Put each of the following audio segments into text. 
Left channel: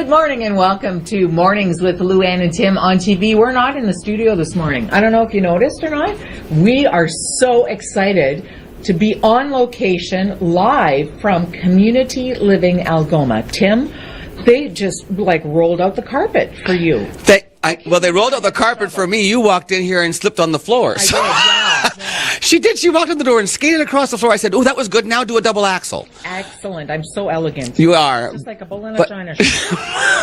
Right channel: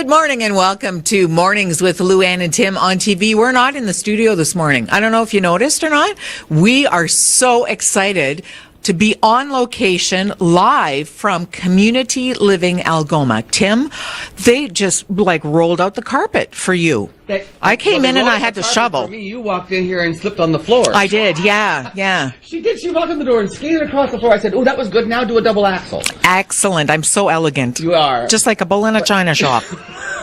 Good morning and welcome to Mornings with Luann and Tim on TV. We're not in the studio this morning. I don't know if you noticed or not. We are so excited to be on location live from Community Living Algoma. Tim, they just rolled out the carpet for you. I came in and I had to shovel. For me, you walked in here and slipped on the floor. I did, yeah. She did. She walked in the door and skated across the floor. I said, "Oh, that was good. Now do a double axel." Excellent. I'm so elegant. You are. Just like a bull in a china shop.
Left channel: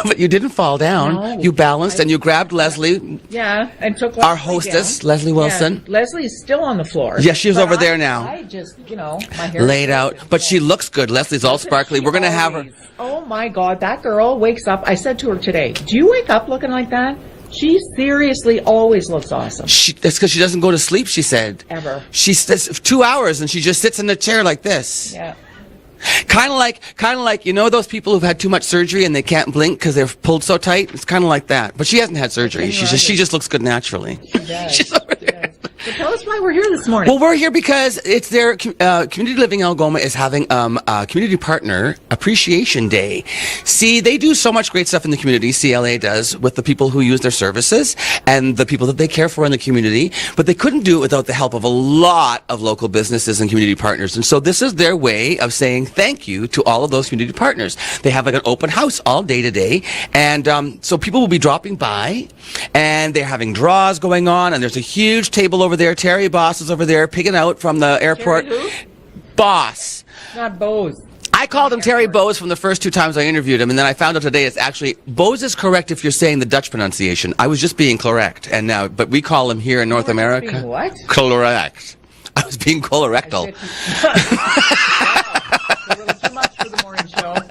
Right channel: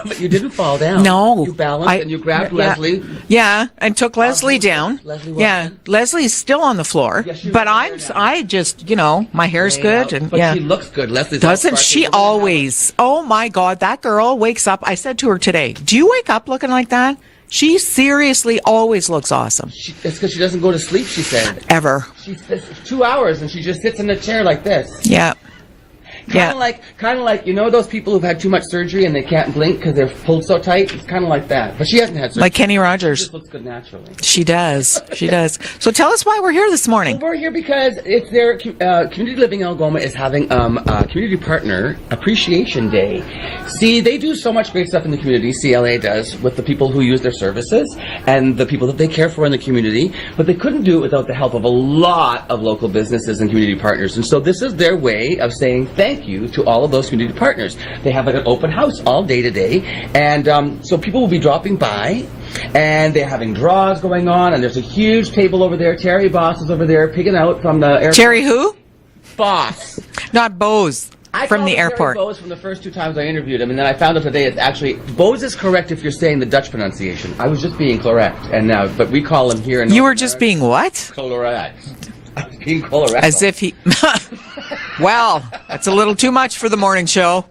But you didn't fall down. No. You balanced and you grabbed Leslie. Yeah, and took Leslie Our hostess, down. Leslie Wilson. Yeah, Leslie's still on the floor. Yeah, she's over there now. I just, my hair's Laid good. out. But she looks good. Leslie's all sparkly. She We're gonna always, oh my God, that girl wakes up. I said to her today, do you wake up looking like that? She seriously always looks awesome. That's because she doesn't go to sleep, she said. Ever. She sits 2 hours and she just sits in the chair like this. Yeah. Kind of like those people who've had too much surgery and they can't blink because they're pulled so tight. It's kind of like that, but she hasn't had surgery. Like Kenny Rogers. She just looks good naturally. She does. She does. So tell us why we're here this morning. Well, we're here because it's their Community Living Algoma is having a community partner appreciation day. See, they do so much great stuff in the community. CLA does with the people who use their services and the people that they care for in the community, but they couldn't do it without the help of a lot of local businesses and community partners. And so this is their way of saying thank you to all of those community partners. They have an open house all day today, and so people will be dropping by, and they're having draws going on, and there's a huge table over there. Terry Boss is over there picking out from the airport. Terry who? Boss. Not Bose. I called him Terry Bose from the first 2 times I interviewed him, and then I found out today it's actually Bose is correct if you're saying the Dutch pronunciation. I was just being correct, and now, but we call him here in North America. You were just being what? Correct. I was being colorectal. As if he... Wow, that's a little too much for the morning show.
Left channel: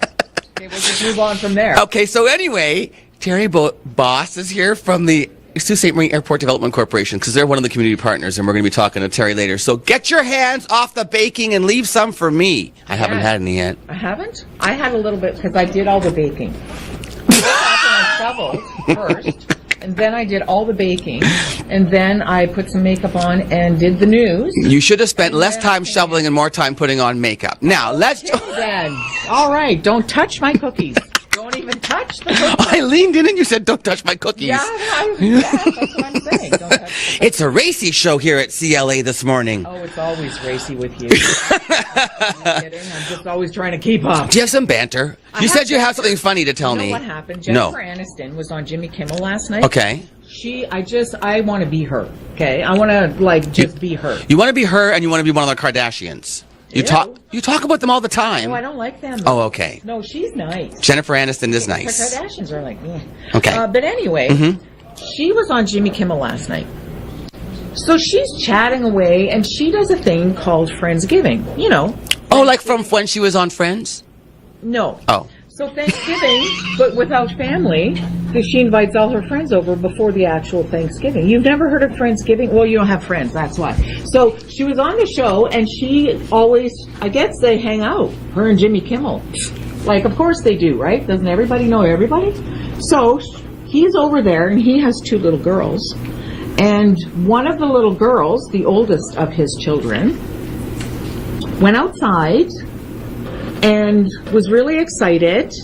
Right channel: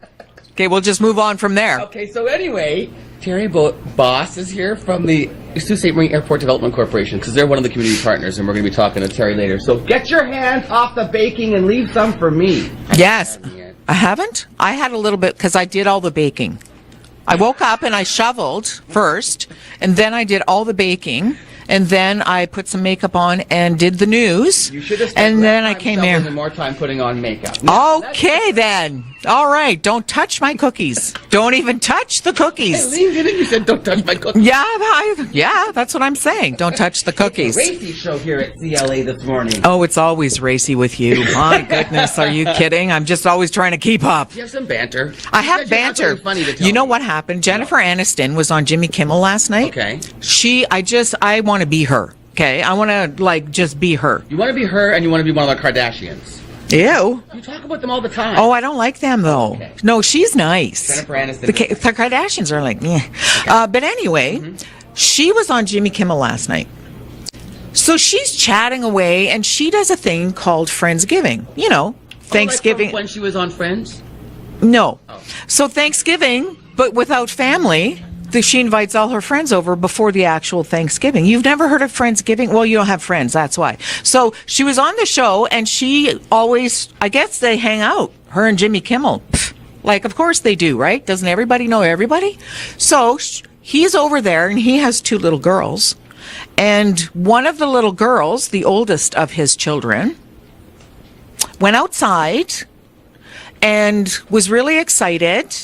Okay, we'll just move on from there. Okay, so anyway, Terry Boss is here from the Sault Ste. Marie Airport Development Corporation because they're one of the community partners, and we're going to be talking to Terry later. So get your hands off the baking and leave some for me. I haven't had any yet. I haven't? I had a little bit because I did all the baking. I woke up and I shoveled first, and then I did all the baking, and then I put some makeup on and did the news. You should have spent less time shoveling and more time putting on makeup. Now, okay, then. All right, don't touch my cookies. Don't even touch the cookies. I leaned in and you said, don't touch my cookies. Yeah, that's what I'm saying. Don't touch the cookies. It's a racy show here at CLA this morning. Oh, it's always racy with you. My goodness, are you kidding? I'm just always trying to keep up. Do you have some banter? You said you have something funny to tell me. You know what happened? Jennifer Aniston was on Jimmy Kimmel last night. Okay. I want to be her. Okay, I want to just be her. You want to be her, and you want to be one of the Kardashians. You talk about them all the time. Oh, I don't like them though. Oh, okay. No, she's nice. Jennifer Aniston is nice. The Kardashians are like, yeah. Okay. But anyway, she was on Jimmy Kimmel last night. So she's chatting away, and she does a thing called Friendsgiving. Oh, like from when she was on Friends? No. Oh. So Thanksgiving, but without family, she invites all her friends over before the actual Thanksgiving. You've never heard of Friendsgiving? Well, you don't have friends, that's why. So she was on the show, and she always, I guess they hang out, her and Jimmy Kimmel. Of course they do, right? Doesn't everybody know everybody? So he's over there, and he has 2 little girls. And one of the little girls, the oldest of his children, went outside and was really excited.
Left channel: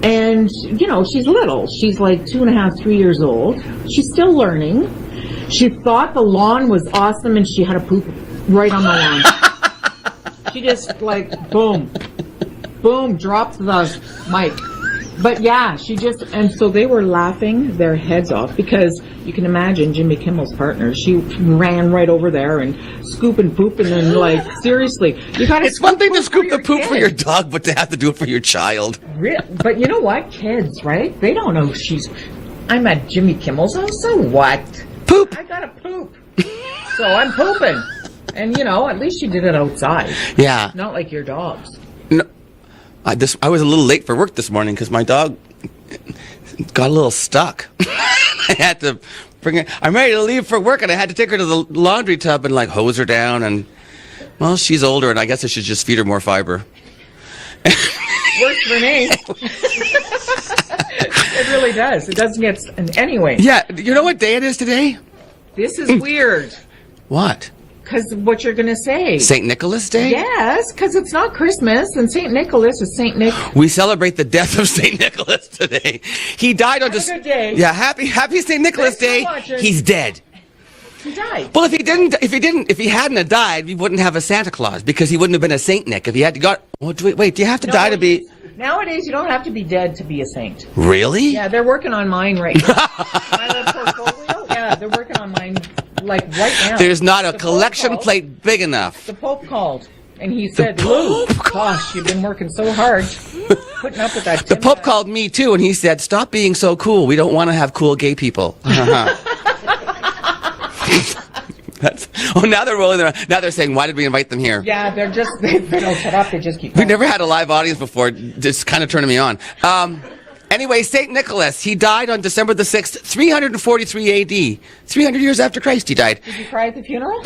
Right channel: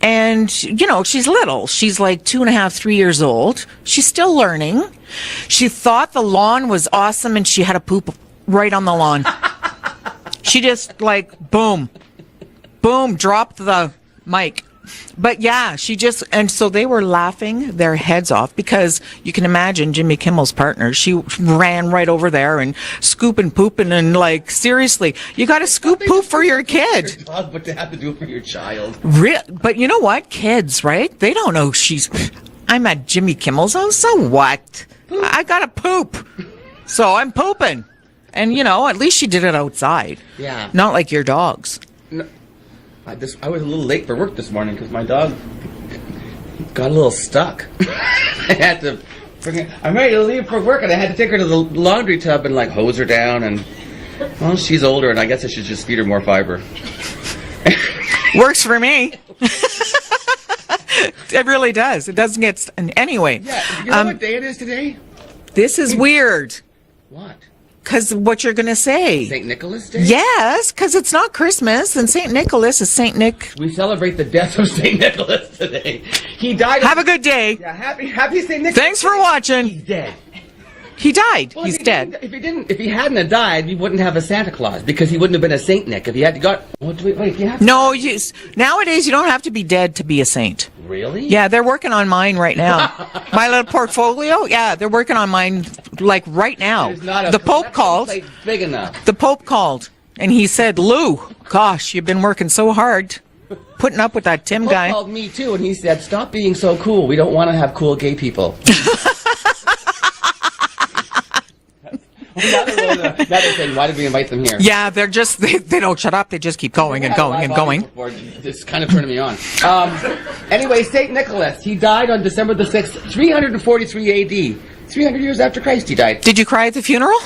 And, she's little. She's like 2.5, 3 years old. She's still learning. She thought the lawn was awesome, and she had a poop right on the lawn. She just, boom, dropped the mic. But yeah, and so they were laughing their heads off because you can imagine Jimmy Kimmel's partner. She ran right over there and scooping, pooping, and seriously, you got to scoop poop for your kid. For your dog, but to have to do it for your child. But you know what? Kids, right? They don't know I'm at Jimmy Kimmel's house, so what? Poop. I got to poop. So I'm pooping. And, at least she did it outside. Yeah. Not like your dogs. No. I was a little late for work this morning because my dog got a little stuck. I had to I'm ready to leave for work, and I had to take her to the laundry tub and hose her down. And well, she's older, and I guess I should just feed her more fiber. Works for me. It really does. It doesn't get anyway. Yeah, you know what day it is today? This is weird. What? because what you're going to say. St. Nicholas Day? Yes, because it's not Christmas, and St. Nicholas is St. Nick. We celebrate the death of St. Nicholas today. He died on Have a good day. Yeah, happy St. Nicholas Thanks Day. for watching. He's dead. He died. Well, He's dead. if he hadn't have died, we wouldn't have a Santa Claus because he wouldn't have been a Saint Nick. If he had got, wait, do you have to die to be? Nowadays you don't have to be dead to be a saint. Really? Yeah, they're working on mine right now. My little portfolio. Yeah, they're working on mine like right now. There's not a The Pope collection called. plate big enough. The Pope called and he said, "Lou, gosh, you've been working so hard." Putting up with that Tim The Pope guy. called me too, and he said, "Stop being so cool. We don't want to have cool gay people." Now they're rolling around. Now they're saying, "Why did we invite them here?" Yeah, they're just they don't shut up. They just keep We going. never and had a going live and audience going. before. It's kind of turning me on. Anyway, St. Nicholas, he died on December the 6th, 343 AD. 300 years after Christ he died. Did you cry at the funeral?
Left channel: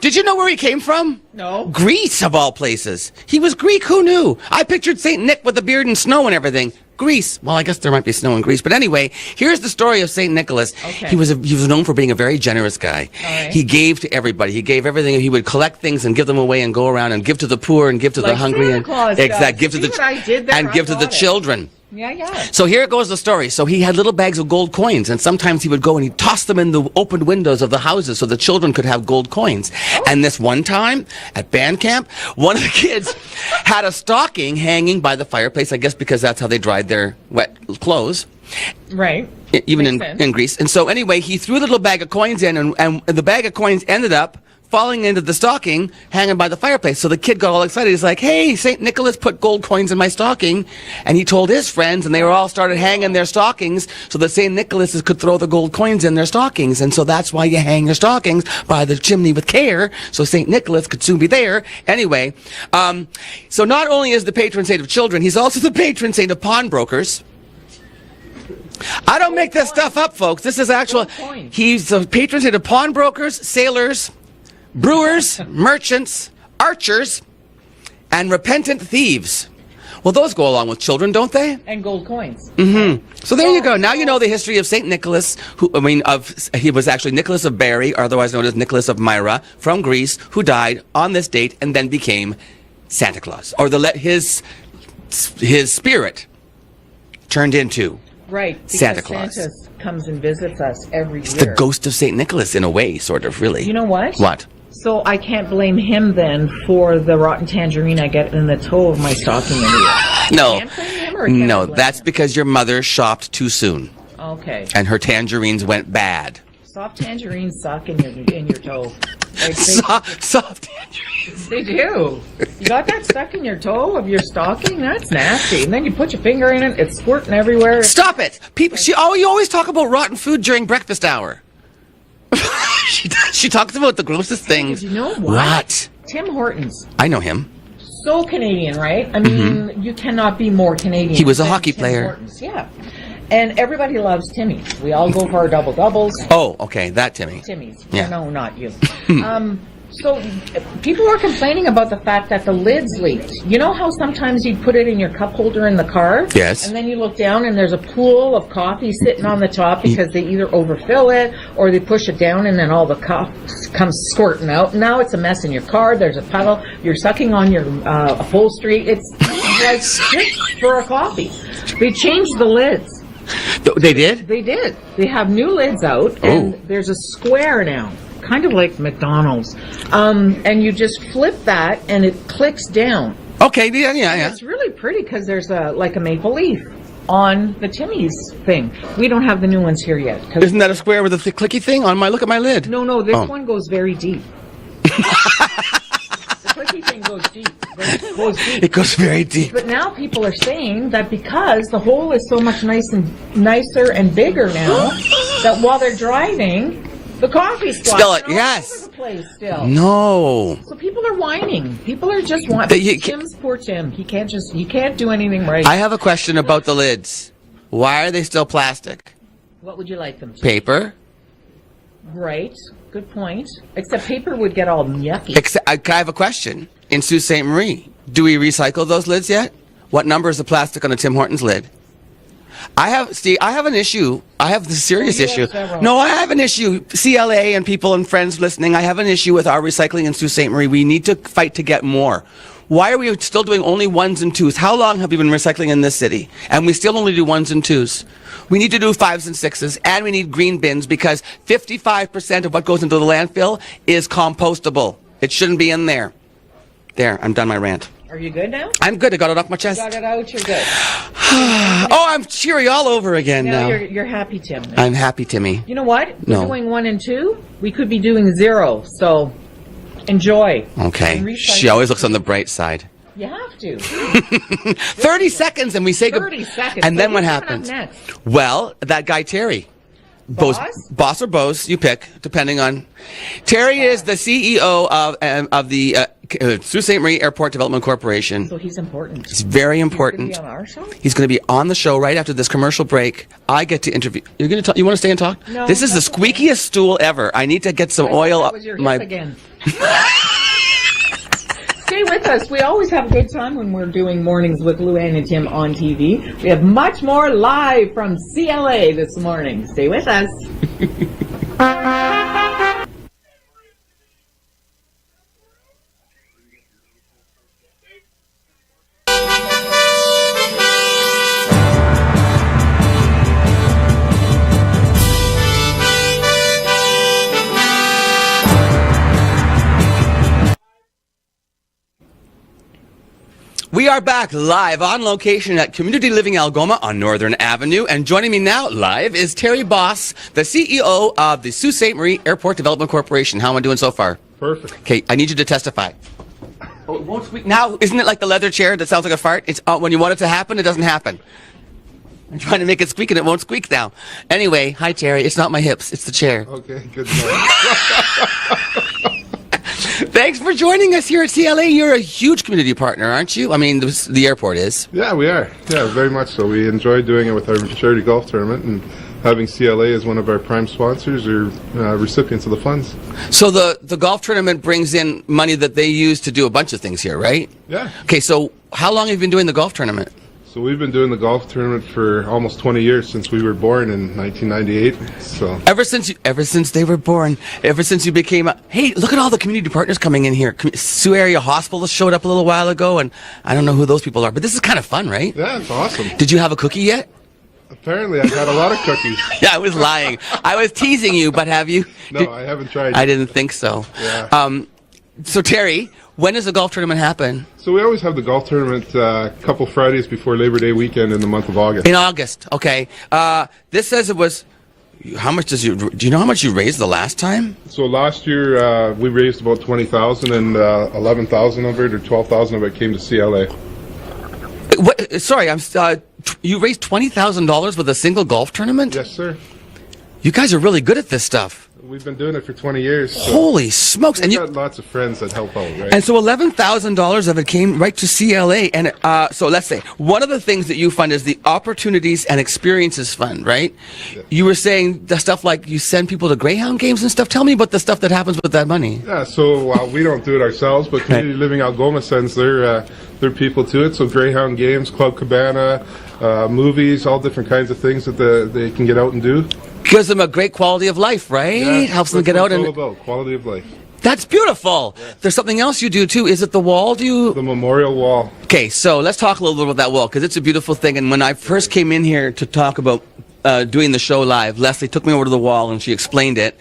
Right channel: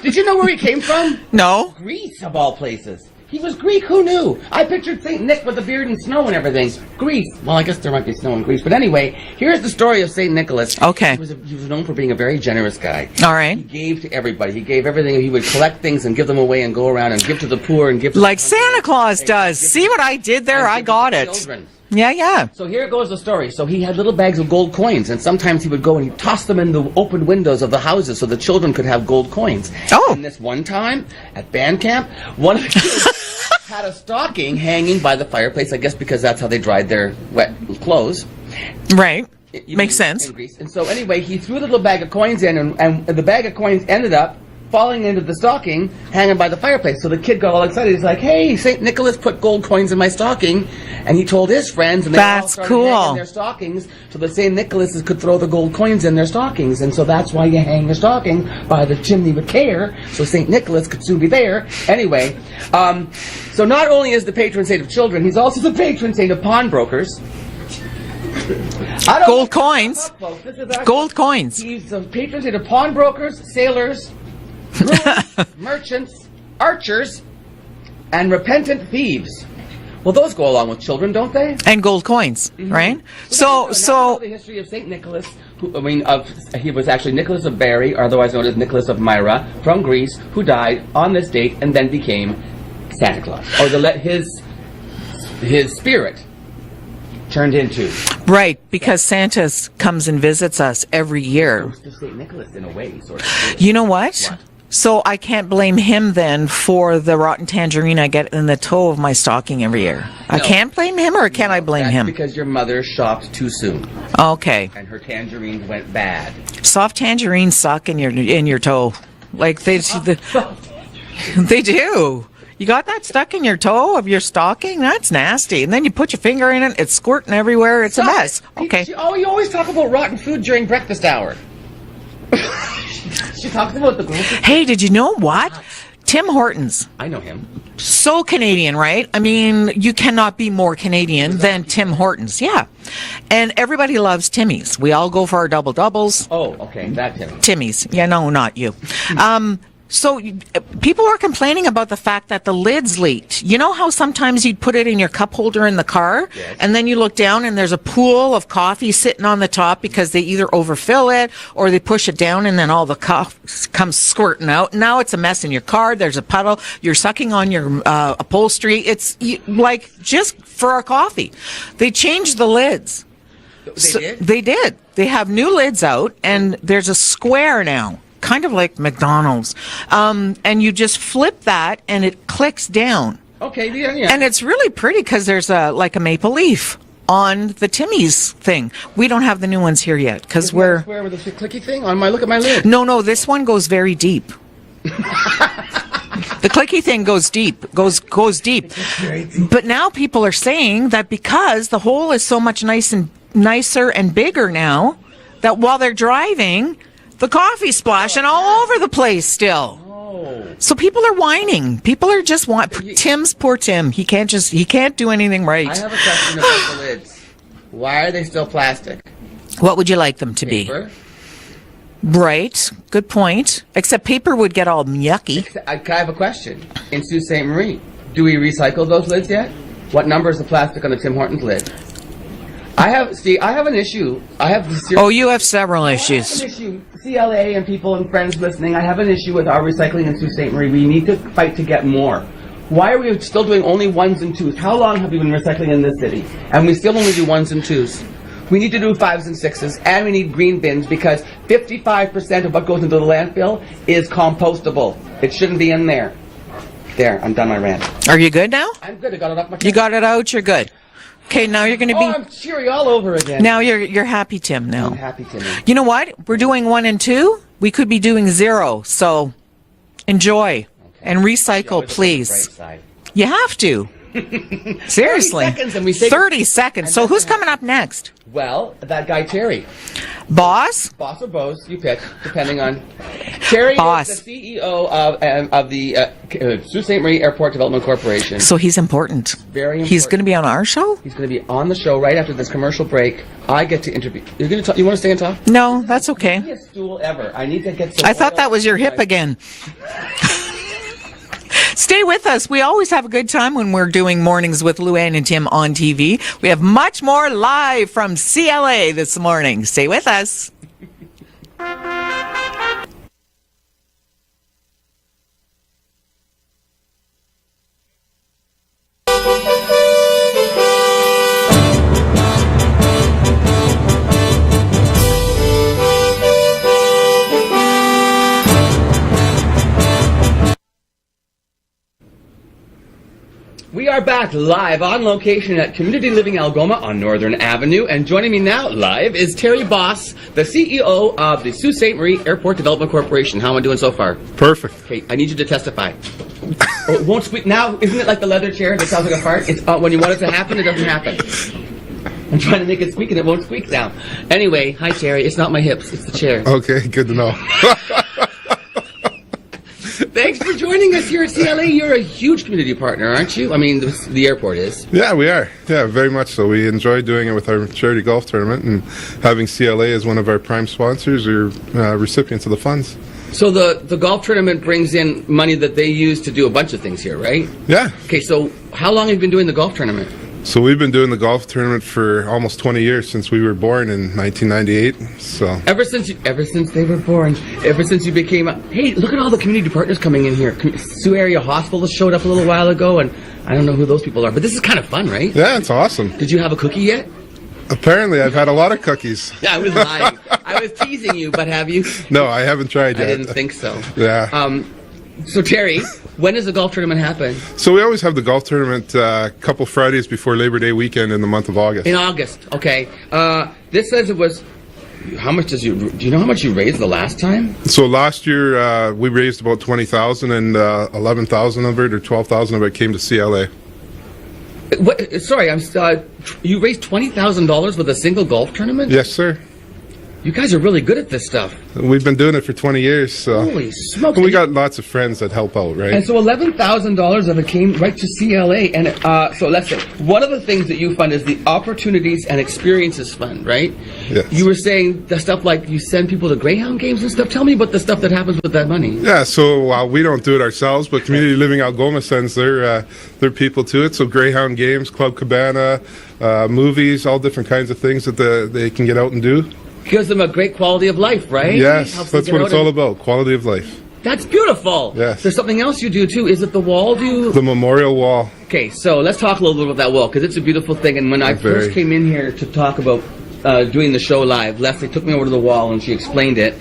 Did you know where he came from? No. Greece, of all places. He was Greek, who knew? I pictured St. Nick with a beard and snow and everything. Greece. Well, I guess there might be snow in Greece. But anyway, here's the story of St. Nicholas. Okay. He was known for being a very generous guy. All right. He gave to everybody. He gave everything. He would collect things and give them away and go around and give to the poor and give to Like the hungry. Santa Claus does. Exactly. Give to See the- what I did there? And I give to got the it. children. Yeah. So here goes the story. So he had little bags of gold coins, and sometimes he would go and he'd toss them in the open windows of the houses so the children could have gold coins. Oh. And this one time at band camp, one of the kids had a stocking hanging by the fireplace, I guess because that's how they dried their wet clothes. Right. Even Makes sense. in Greece. And so anyway, he threw the little bag of coins in, and the bag of coins ended up falling into the stocking hanging by the fireplace. So the kid got all excited. He's like, "Hey, St. Nicholas put gold coins in my stocking." And he told his friends, and they all That's started cool. hanging their stockings so that St. Nicholas could throw the gold coins in their stockings. And so that's why you hang your stockings by the chimney with care, so St. Nicholas could soon be there. Anyway, so not only is the patron saint of children, he's also the patron saint of pawnbrokers. I don't Gold make this coins. stuff up, folks. This is actual Gold coins. He's the patron saint of pawnbrokers, sailors, brewers, merchants, archers, and repentant thieves. Well, those go along with children, don't they? And gold coins, right? So there you go. Now you know the history of Saint Nicholas. He was actually Nicholas of Bari, otherwise known as Nicholas of Myra, from Greece, who died on this date and then became Santa Claus, or his spirit turned into. Right, because Santa Santa comes and visits us every the year. ghost of Saint Nicholas, in a way, sort of, really. You know what? What? So I can't blame him then for the rotten tangerine I get in the toe of my stocking every year. No. I can't blame him, or can I blame that's him? because your mother shopped too soon, Okay. and her tangerines went bad. Soft tangerines suck in your toe. Like Soft they do. You got that stuck in your toe of your stocking? That's nasty. And then you put your finger in it, it's squirting everywhere. It's Stop a it! mess. Okay. You always talk about rotten food during breakfast hour. she talks about the grossest Hey, things. did you know what? What? Tim Hortons. I know him. So Canadian, right? I mean, you cannot be more Canadian He was a than hockey Tim player. Hortons. Yeah. And everybody loves Timmy's. We all go for our double doubles. Oh, okay, that Timmy. Timmy's. Yeah. Yeah, no, not you. So people are complaining about the fact that the lid's leaked. You know how sometimes you'd put it in your cup holder in the car? Yes. And then you look down and there's a pool of coffee sitting on the top because they either overfill it or they push it down and then all the coffee comes squirting out. Now it's a mess in your car. There's a puddle. You're sucking on your upholstery. It's like just for a coffee. They changed the lids. They did? They did. They have new lids out, and there's a square now, kind of like McDonald's. And you just flip that, and it clicks down. Okay, yeah. And it's really pretty because there's a maple leaf on the Timmy's thing. We don't have the new ones here yet. Isn't that a square with a clicky thing on my? Look at my lid. No, this one goes very deep. The clicky thing goes deep. Goes deep. It goes very deep. But now people are saying that because the hole is so much nicer and bigger now, that while they're driving, the coffee's splashing all over the place still. No. So people are whining. People are just whining. Poor Tim. He can't do anything right. I have a question about the lids. Why are they still plastic? What would you like them to be? Paper? Right. Good point. Except paper would get all yucky. I have a question. In Sault Ste. Marie, do we recycle those lids yet? What number is the plastic on a Tim Hortons lid? I have an issue. I have the serious issue. Oh, you have several no, issues. I have an issue. CLA and people and friends listening, I have an issue with our recycling in Sault Ste. Marie. We need to fight to get more. Why are we still doing only 1s and 2s? How long have we been recycling in this city? And we still only do 1s and 2s. We need to do 5s and 6s, and we need green bins because 55% of what goes into the landfill is compostable. It shouldn't be in there. There, I'm done my rant. Are you good now? I'm good. I got it off my chest. You got it out. You're good. Okay, now you're gonna. I'm cheery all over again. Now you're happy, Tim. Now I'm happy, Timmy. You know what? We're No. doing 1 and 2. We could be doing 0. So enjoy. Okay. And recycle, She always looks on the please. bright side. You have to. 30 Seriously. seconds and we say 30 seconds. And So then who's what coming up happens? next? Well, that guy Terry. Boss? Boss or Bose, you pick, depending on. Terry Boss. is the CEO of the Sault Ste. Marie Airport Development Corporation. So he's important. It's very important. He's going to be on our show? He's going to be on the show right after this commercial break. I get to interview. You're going to talk. You want to stay and talk? No, This is that's the okay. squeakiest stool ever. I need to get some I oil. thought that was your on hip my- again. Stay with us. We always have a good time when we're doing Mornings with Luann and Tim on TV. We have much more live from CLA this morning. Stay with us. We are back live on location at Community Living Algoma on Northern Avenue. And joining me now live is Terry Boss, the CEO of the Sault Ste. Marie Airport Development Corporation. How am I doing so far? Perfect. Okay, I need you to testify. Oh, it won't squeak. Now, isn't it like the leather chair that sounds like a fart? It's when you want it to happen, it doesn't happen. I'm trying to make it squeak and it won't squeak now. Anyway, hi Terry. It's not my hips, it's the chair. Okay, good to know. Thanks for joining us here at CLA. You're a huge community partner, aren't you? I mean, the airport is. Yeah, we are. Yeah, very much so. We enjoy doing it with our charity golf tournament, and having CLA as one of our prime sponsors or recipients of the funds. So the golf tournament brings in money that they use to do a bunch of things here, right? Yeah. Okay, so how long have you been doing the golf tournament? So we've been doing the golf tournament for almost 20 years, since we were born in 1998. So Ever since they were born, ever since you became hey, look at all the community partners coming in here. Sioux Area Hospital showed up a little while ago, and I don't know who those people are, but this is kind of fun, right? yeah, it's awesome. Did you have a cookie yet? Apparently, I've had a lot of cookies. Yeah, I was lying. I was teasing you, but have you? No, I haven't tried yet. I didn't think so. Yeah. So Terry, when does the golf tournament happen? So we always have the golf tournament a couple Fridays before Labor Day weekend in the month of August. In August. Okay. This says it was. How much do you know how much you raised the last time? So last year we raised about 20,000, and 11,000 of it or 12,000 of it came to CLA. What, sorry, you raised $20,000 with a single golf tournament? Yes, sir. You guys are really good at this stuff. We've been doing it for 20 years. So. Holy smokes! We And, got lots of friends that help out, right? and so $11,000 of it came right to CLA. And so let's say one of the things that you fund is the Opportunities and Experiences Fund, right? Yes. You were saying the stuff like you send people to Greyhound games and stuff. Tell me about the stuff that happens with that money. Yeah, so we don't do it ourselves, but Community Living Algoma sends their people to it. So Greyhound games, Club Cabana, movies, all different kinds of things that they can get out and do. Gives them a great quality of life, right? Yeah, Helps that's them get what out. it's all about, quality of life. That's beautiful. Yes. There's something else you do too. Is it the wall? The memorial wall. Okay, so let's talk a little bit about that wall because it's a beautiful thing. And when I Very. first came in here to talk about doing the show live, Leslie took me over to the wall and she explained it.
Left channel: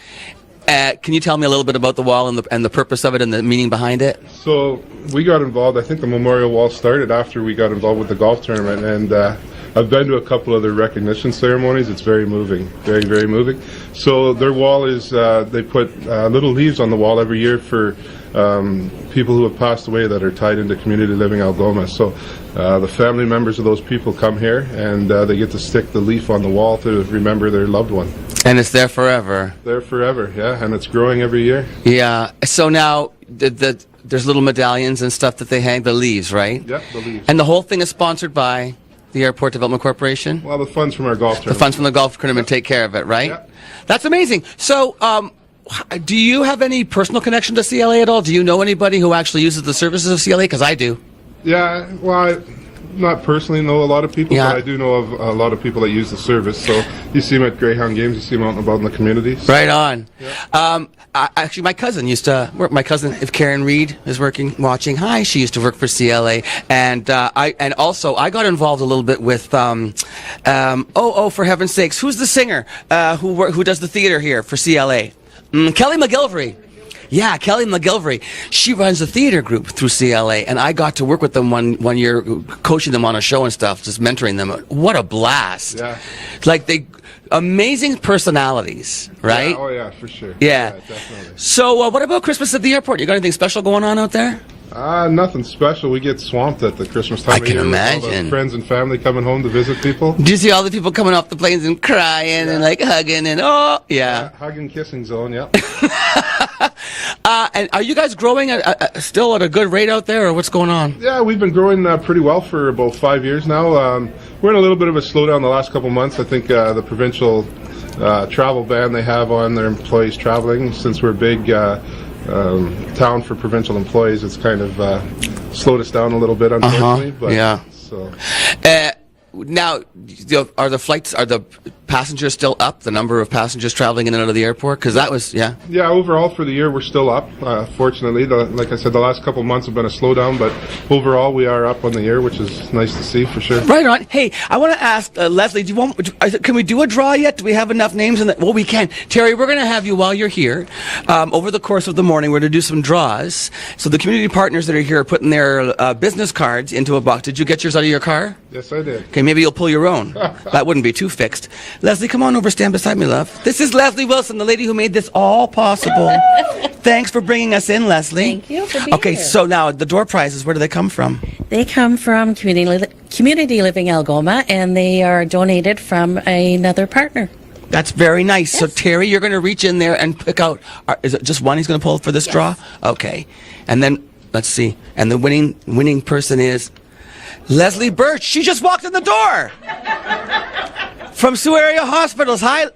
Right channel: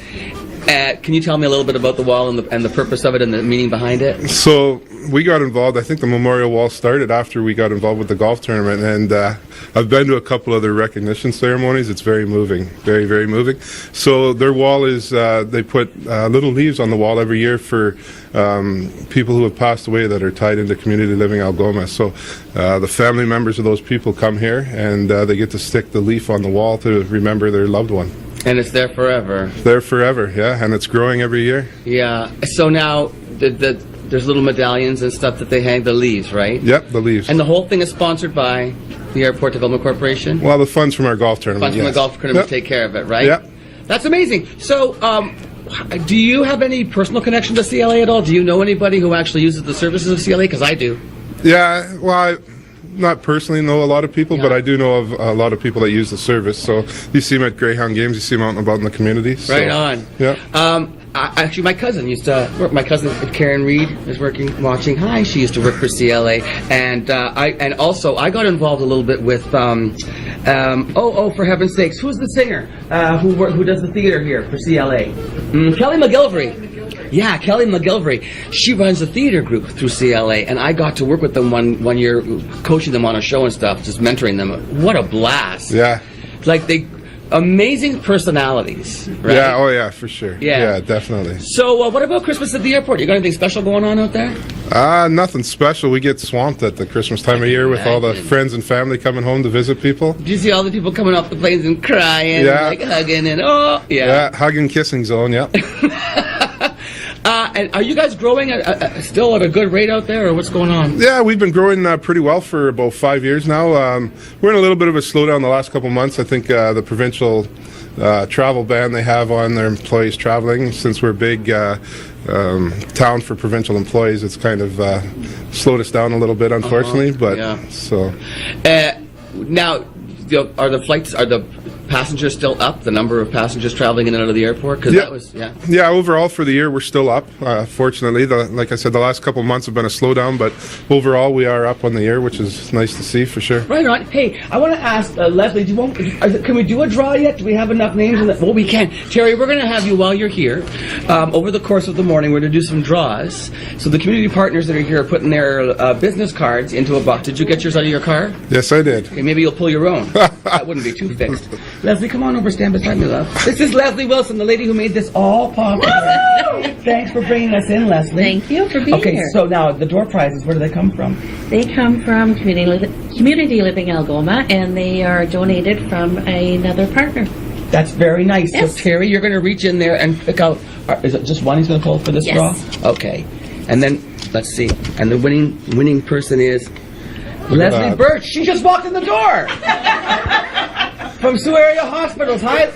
Can you tell me a little bit about the wall and the purpose of it and the meaning behind it? So we got involved. I think the memorial wall started after we got involved with the golf tournament, and I've been to a couple other recognition ceremonies. It's very moving, very, very moving. So their wall is they put little leaves on the wall every year for people who have passed away that are tied into Community Living Algoma. So the family members of those people come here, and they get to stick the leaf on the wall to remember their loved one. And it's there forever. There forever, yeah, and it's growing every year. Yeah. So now there's little medallions and stuff that they hang, the leaves, right? Yep, the leaves. And the whole thing is sponsored by the Airport Development Corporation? Well, the funds from our golf The tournament. funds from the yes. golf tournament Yep. take care of it, right? Yep. That's amazing. So, do you have any personal connection to CLA at all? Do you know anybody who actually uses the services of CLA? Because I do. Yeah, well, not personally know a lot of people, Yeah. but I do know of a lot of people that use the service. So you see them at Greyhound games, you see them out and about in the community. So, Right on. Yeah. Actually, my cousin used to work. My cousin, if Karen Reed is watching. Hi, she used to work for CLA, and I got involved a little bit with. For heaven's sakes, who's the singer who does the theater here for CLA? Kelly McGilvery. Yeah, Kelly McGilvery. She runs a theater group through CLA, and I got to work with them one year, coaching them on a show and stuff, just mentoring them. What a blast! Yeah. Like amazing personalities, right? Yeah, oh yeah, for sure. Yeah. Definitely. So, what about Christmas at the airport? You got anything special going on out there? Nothing special. We get swamped at the Christmas time of can year with all imagine. the friends and family coming home to visit people. Do you see all the people coming off the planes and crying Yeah. and like hugging and Yeah, hugging, kissing zone, yeah. And are you guys growing still at a good rate out there, or what's going on? Yeah, we've been growing pretty well for about 5 years now. We're in a little bit of a slowdown the last couple months. I think the provincial travel ban they have on their employees traveling, since we're a big town for provincial employees, it's kind of slowed us down a little bit, unfortunately. But Yeah. so Now, are the passengers still up? The number of passengers traveling in and out of the airport? Because that was, yeah. yeah, overall for the year we're still up. Fortunately, like I said, the last couple of months have been a slowdown, but overall we are up on the year, which is nice to see for sure. Right on. Hey, I want to ask Leslie. Can we do a draw yet? Do we have enough names in that? Well, we can. Terry, we're going to have you while you're here. Over the course of the morning, we're going to do some draws. So the community partners that are here are putting their business cards into a box. Did you get yours out of your car? Yes, I did. Okay, maybe you'll pull your own. That wouldn't be too fixed. Leslie, come on over, stand beside me, love. This is Leslie Wilson, the lady who made this all possible. Thanks for bringing us in, Leslie. Thank you for being here. Okay, so now the door prizes, where do they come from? They come from Community Living Algoma, and they are donated from another partner. That's very nice. Yes. So Terry, you're going to reach in there and pick out. Is it just one he's going to pull for this Yes. draw? Okay, and then let's see. And the winning person is Leslie that. Birch. She just walked in the door from Sioux Area Hospitals. Hi.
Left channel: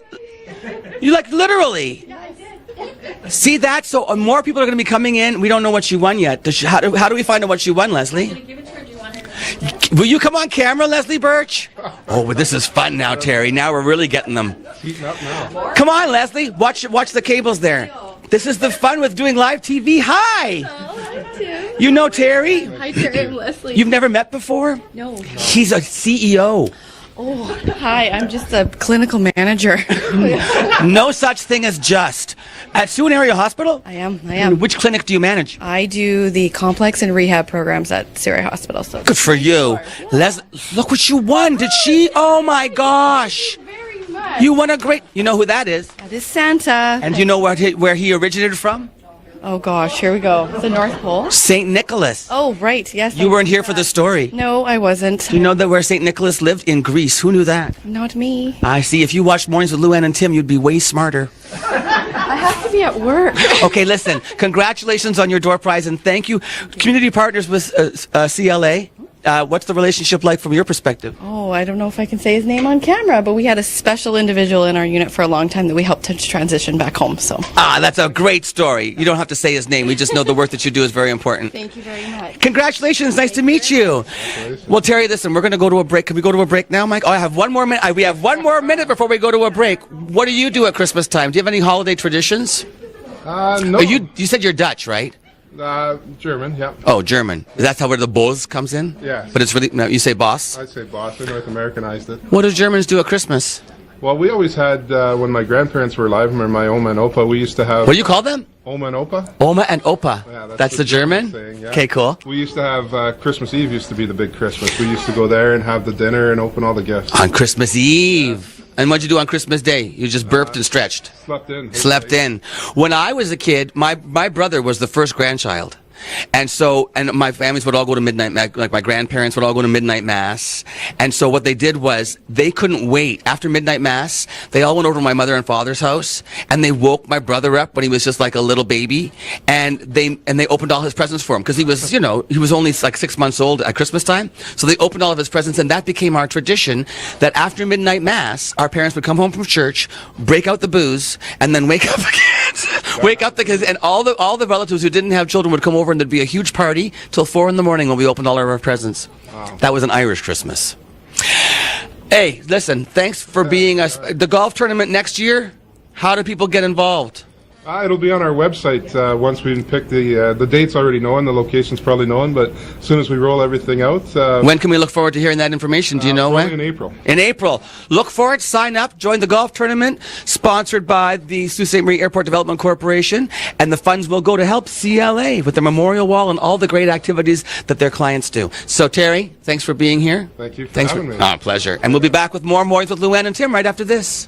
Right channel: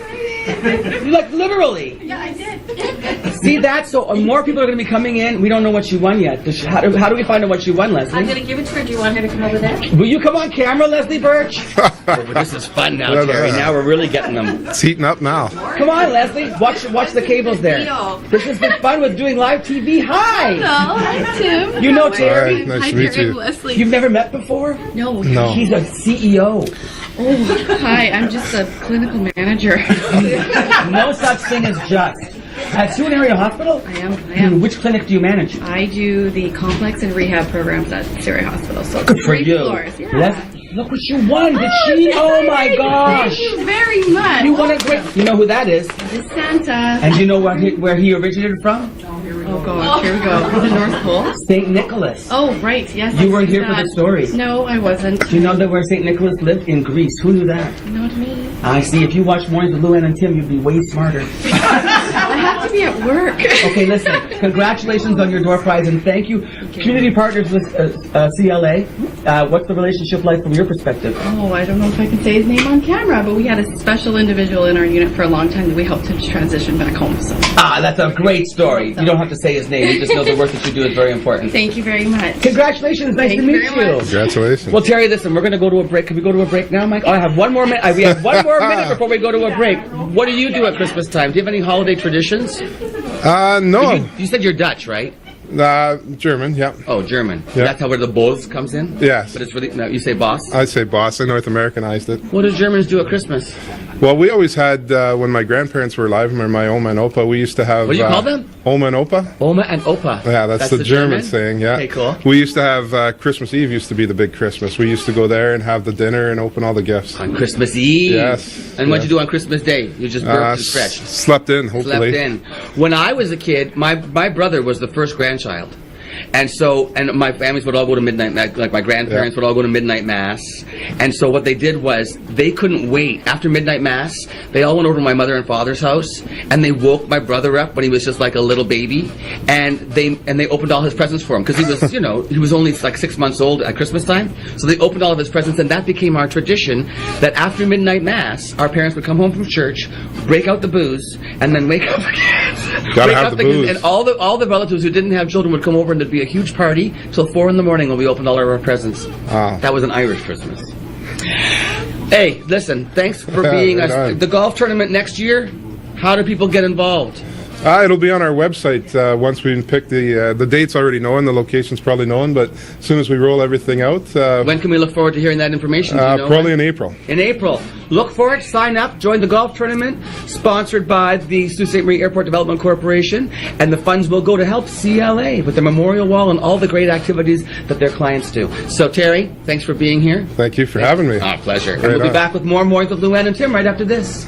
You like literally? Yeah, I did. See that? So more people are going to be coming in. We don't know what she won yet. How do we find out what she won, I'm Leslie? gonna give it to her. Do you want her to come over there? Will you come on camera, Leslie Birch? Oh, but this is fun now, Terry. Now we're really getting them. It's heating up now. Come on, Leslie. Watch the cables there. Leo. This is the fun with doing live TV. Hi. Hello, hi Tim. You know Terry? All right, nice Hi to meet Terry and you. Leslie. You've never met before? No. No. She's a CEO. Hi, I'm just a clinical manager. No such thing as just. At Sioux Area Hospital? I am. Which clinic do you manage? I do the complex and rehab programs at Surrey Hospital. So Good for you. yours, yeah. Leslie, look what you won. Did she? Oh my gosh. Thank you very much. You won a great. You know who that is? It's Santa. And you know where he originated from? Oh gosh, here we go. The North Pole. St. Nicholas. Oh right, yes. You weren't here for the story. No, I wasn't. Do you know that where St. Nicholas lived? In Greece. Who knew that? Not me. I see. If you watched Mornings with Luann and Tim, you'd be way smarter. I have to be at work. Okay, listen. Congratulations on your door prize, and thank you. Community partners with CLA. What's the relationship like from your perspective? Oh, I don't know if I can say his name on camera, but we had a special individual in our unit for a long time that we helped him to transition back home. So That's a great story. You don't have to say his name. We just know the work that you do is very important. Thank you very much. Congratulations. Nice to Thank meet you very you. Congratulations. Well, Terry, listen, we're going to go to a break. Can we go to a break now, Mike? Oh, I have one more minute. We have one more minute before we go to a break. What do you do at Christmas time? Do you have any holiday traditions? No. You said you're Dutch, right? German, yeah. Oh, German. Yeah. That's how where the Bose comes in? Yes. But it's really, no, you say boss? I'd say boss. I North Americanized it. What do Germans do at Christmas? Well, we always had, when my grandparents were alive, or my Oma and Opa, we used to have... What do you call them? Oma and Opa. Oma and Opa. Yeah, that's the German saying, yeah. Okay, cool. We used to have, Christmas Eve used to be the big Christmas. We used to go there and have the dinner and open all the gifts. On Christmas Eve. Yes. And what'd you do on Christmas Day? You just burped and stretched. Slept in, hopefully. Slept in. When I was a kid, my brother was the first grandchild. And my families would all go to midnight, like my grandparents would all go to midnight mass. And so what they did was they couldn't wait. After midnight mass, they all went over to my mother and father's house, and they woke my brother up when he was just like a little baby, and they opened all his presents for him because he was, he was only like 6 months old at Christmas time. So they opened all of his presents, and that became our tradition. That after midnight mass, our parents would come home from church, break out the booze, and then wake up the kids. Wake up the kids, and all the relatives who didn't have children would come over, and there'd be a huge party till 4 in the morning when we opened all of our presents. That was an Irish Christmas. Hey, listen, thanks for being us. The golf tournament next year, how do people get involved? It'll be on our website once we pick the date's already known, the location's probably known, but as soon as we roll everything out. When can we look forward to hearing that information? Do you know probably when? in April. In April. Look for it, sign up, join the golf tournament, sponsored by the Sault Ste. Marie Airport Development Corporation, and the funds will go to help CLA with the memorial wall and all the great activities that their clients do. So, Terry, thanks for being here. Thank you for having me. Pleasure. Right And we'll be on. back with more Mornings with Luann and Tim right after this.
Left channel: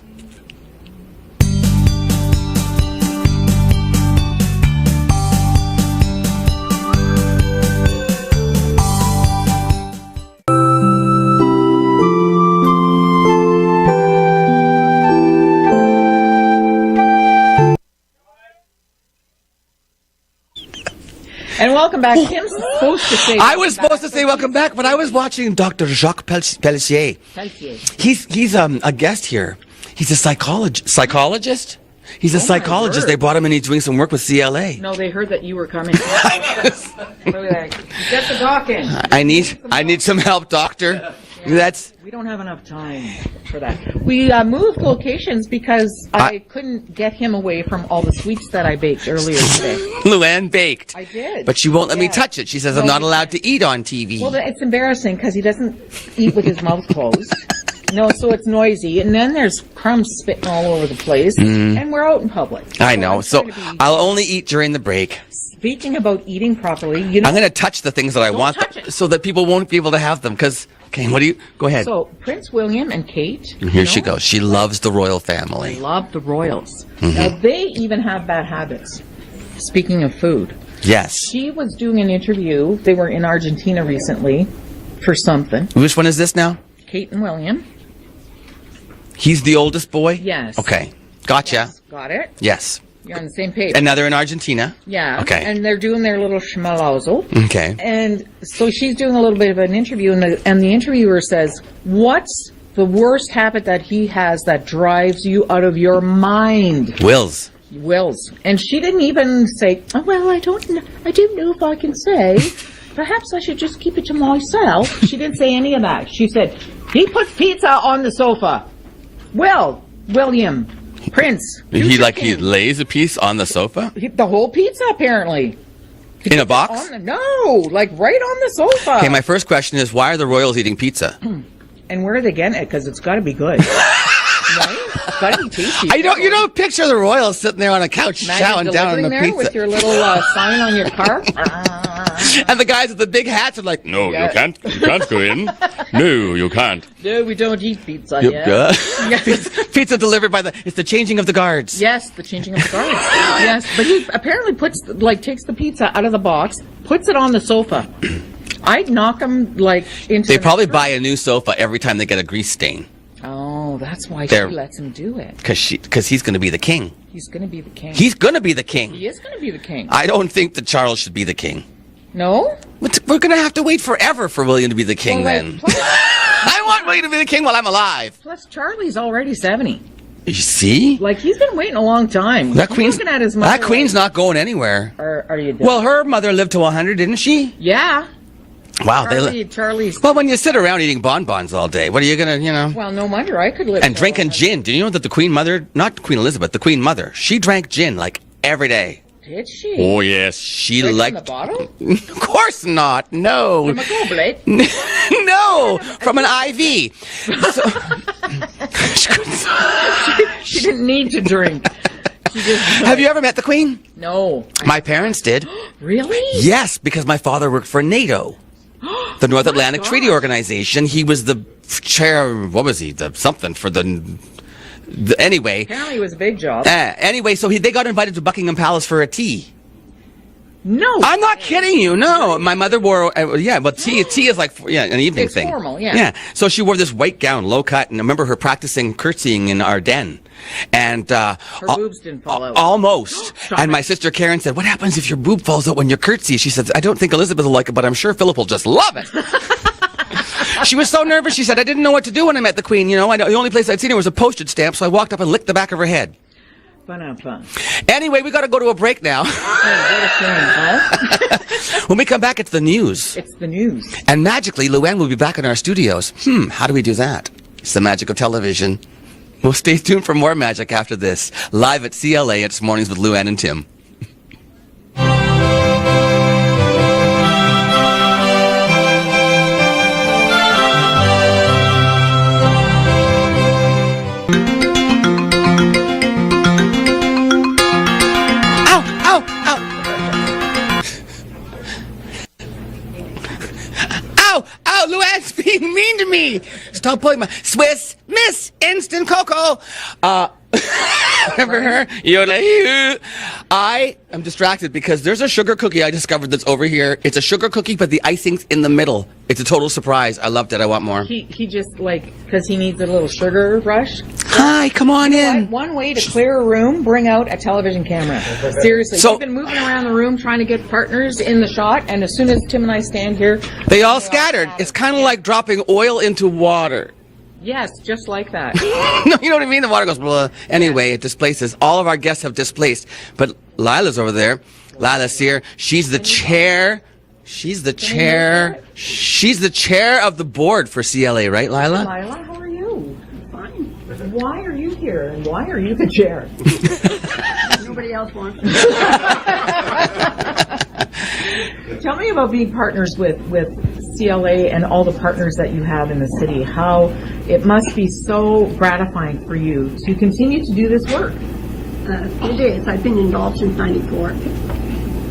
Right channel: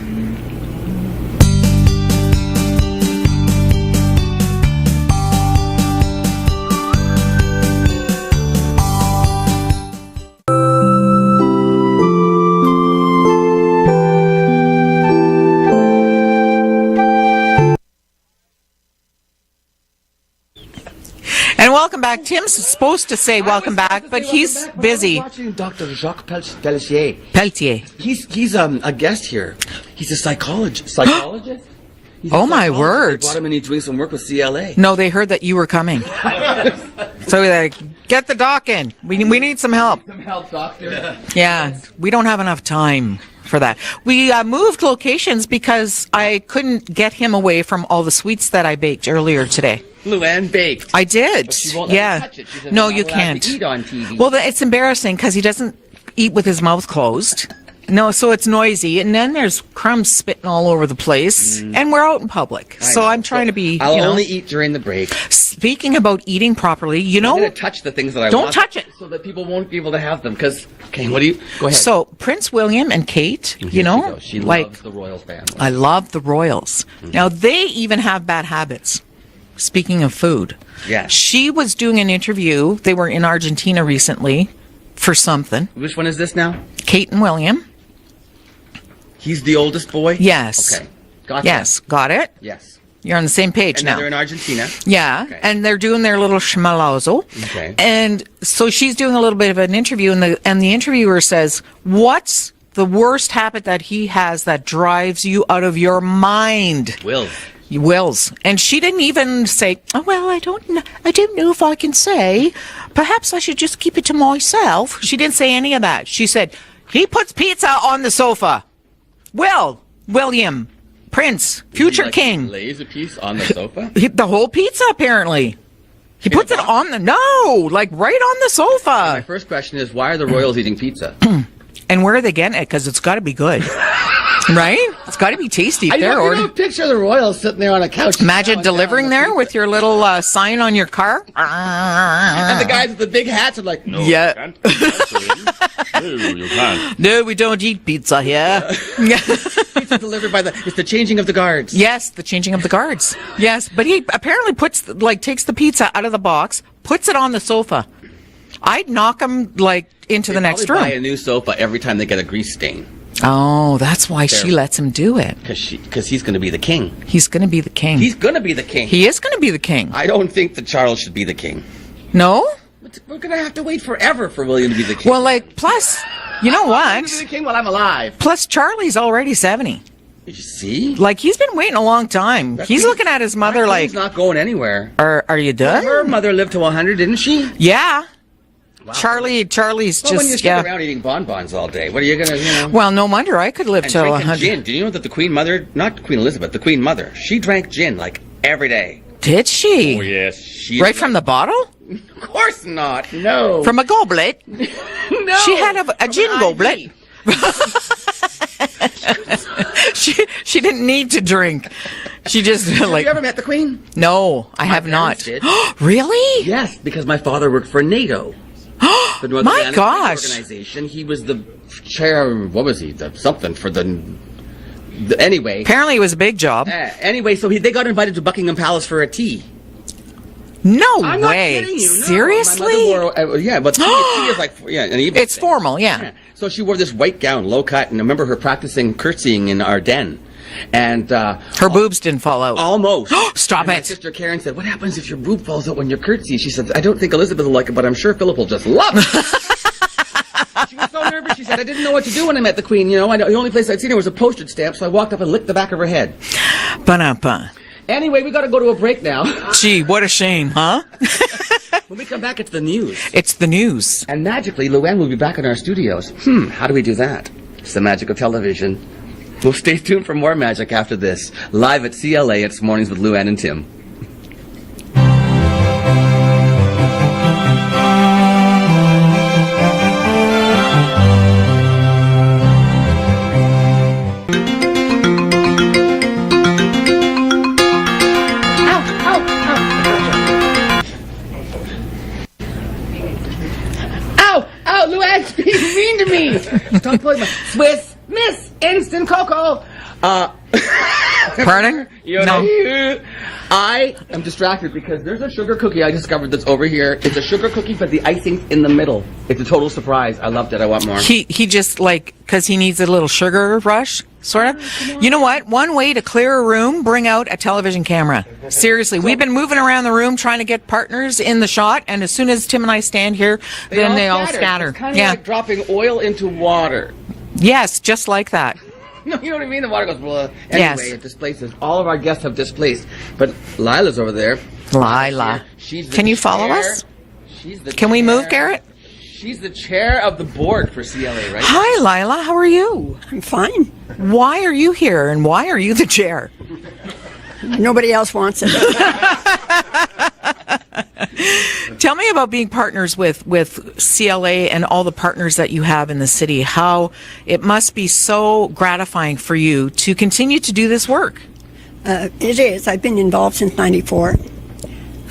And welcome back. Tim's supposed to say welcome I was back, supposed to say welcome he's back, but I was busy. watching Dr. Jacques Pelletier. Pelletier. He's a guest here. He's a psychologist. Psychologist? He's a Oh, my psychologist. They words. brought him and he's doing some work with CLA. No, they heard that you were coming. So we're like, get the doc in. We need some help. I need some help, doctor. Yeah, we don't have enough time for that. We moved locations because I couldn't get him away from all the sweets that I baked earlier today. Luann baked. I did. But she won't let me touch it. She says I'm not you allowed can't. to eat on TV. Well, it's embarrassing because he doesn't eat with his mouth closed. No, so it's noisy, and then there's crumbs spitting all over the place, and we're out in public. I so know. I'm trying to be. I'll only eat during the break. Speaking about eating properly, you know, I'm going to touch the things that I Don't want, touch it. so that people won't be able to have them. Because, okay, what do you? Go ahead. So Prince William and Kate. Here you know, she goes. She like, loves the royal family. I love the royals. Now they even have bad habits. Speaking of food. Yes. She was doing an interview. They were in Argentina recently for something. Which one is this now? Kate and William. He's the oldest boy? Yes. Okay. Gotcha. Yes, got it. Yes. You're on the same page. And now now they're in Argentina? Yeah. Okay. And they're doing their little schmalazzo. Okay. And so she's doing a little bit of an interview, and the interviewer says, "What's the worst habit that he has that drives you out of your mind?" Wills. And she didn't even say, "Oh, well, I don't know if I can say. Perhaps I should just keep it to myself." She didn't say any of that. She said, "He puts pizza on the sofa." William, Prince, future king. He lays a piece on the sofa? The whole pizza, apparently. He In a puts it box? on right on the sofa. Okay, my first question is, why are the royals eating pizza? And where are they getting it? Because it's got to be good. Right? It's got to be tasty. You don't picture the royals sitting there on a couch. Imagine chowing down delivering on the there pizza. with your little sign on your car. And the guys with the big hats are like, no, Yeah. you can't go in. No, you can't. No, we don't eat pizza here. Yeah. Pizza delivered by it's the changing of the guards. Yes, the changing of the guards. Yes, but he apparently takes the pizza out of the box, puts it on the sofa. I'd knock him into They the next room. probably buy a new sofa every time they get a grease stain. Oh, that's why she lets him do it. Because he's going to be the king. He's going to be the king. He's going to be the king. He is going to be the king. I don't think that Charles should be the king. No? We're going to have to wait forever for William to be the king. Well, then. plus, you know I want William to be what? the king while I'm alive. Plus, Charlie's already 70. You see? He's been waiting a long time. He's looking at his mother That queen's not going anywhere. Are you done? Well, her mother lived to 100, didn't she? Yeah. Wow. Charlie's Well, just... when you sit around eating bonbons all day, what are you going to, Well, no wonder I could live And till drinking 100. gin. Do you know that the Queen Mother, not Queen Elizabeth, the Queen Mother, she drank gin every day. Did she? Oh, yes. She Right from the bottle? Of course not. No. From a goblet? No. She had a from gin an goblet. She didn't need to drink. She just... Have you ever met the Queen? No, I My have parents not. did. Really? Yes, because my father worked for NATO. The North My Atlantic Treaty gosh. Organization. He was the chair, what was he? Something for the anyway. Apparently it was a big job. Anyway, so they got invited to Buckingham Palace for a tea. No I'm not way. kidding you. No, Seriously? my mother wore. Yeah, but tea is like an evening It's thing. formal, yeah. Yeah. So she wore this white gown, low cut, and I remember her practicing curtsying in our den. And Her boobs didn't fall out. almost. Stop and it. my sister Karen said, "What happens if your boob falls out when you curtsy?" She said, "I don't think Elizabeth will like it, but I'm sure Philip will just love it." She was so nervous. She said, "I didn't know what to do when I met the Queen. You know, the only place I'd seen her was a postage stamp, so I walked up and licked the back of her head." Ba-da-ba. Anyway, we got to go to a break now. Gee, what a shame, huh? When we come back, it's the news. It's the news. And magically, Luann will be back in our studios. How do we do that? It's the magic of television. Well, stay tuned for more magic after this. Live at CLA, it's Mornings with Luann and Tim. Ow, Luann's being mean to me. Stop pulling my Swiss Miss Instant Cocoa. Pardon? You know, I am distracted because there's a sugar cookie I discovered that's over here. It's a sugar cookie, but the icing's in the middle. It's a total surprise. I loved it. I want more. He just because he needs a little sugar rush. Hi, come on You know in. what? One way to clear a room, bring out a television camera. Seriously, So- we've been moving around the room trying to get partners in the shot, and as soon as Tim and I stand here, They then all they scatter. It's kind of Yeah. like dropping oil into water. Yes, just like that. No, you know what I mean? The water goes blah. Anyway, Yes. it displaces. All of our guests have displaced. But Lila's over there. Lila's Lila. here. She's the Can you follow chair. us? She's the Can chair. we move, Garrett? She's the chair of the board for CLA, right, Hi, Lila? Lila. How are you? I'm fine. Why are you here, and why are you the chair? Nobody else wants it. Tell me about being partners with CLA and all the partners that you have in the city. How it must be so gratifying for you to continue to do this work. It is. I've been involved since '94.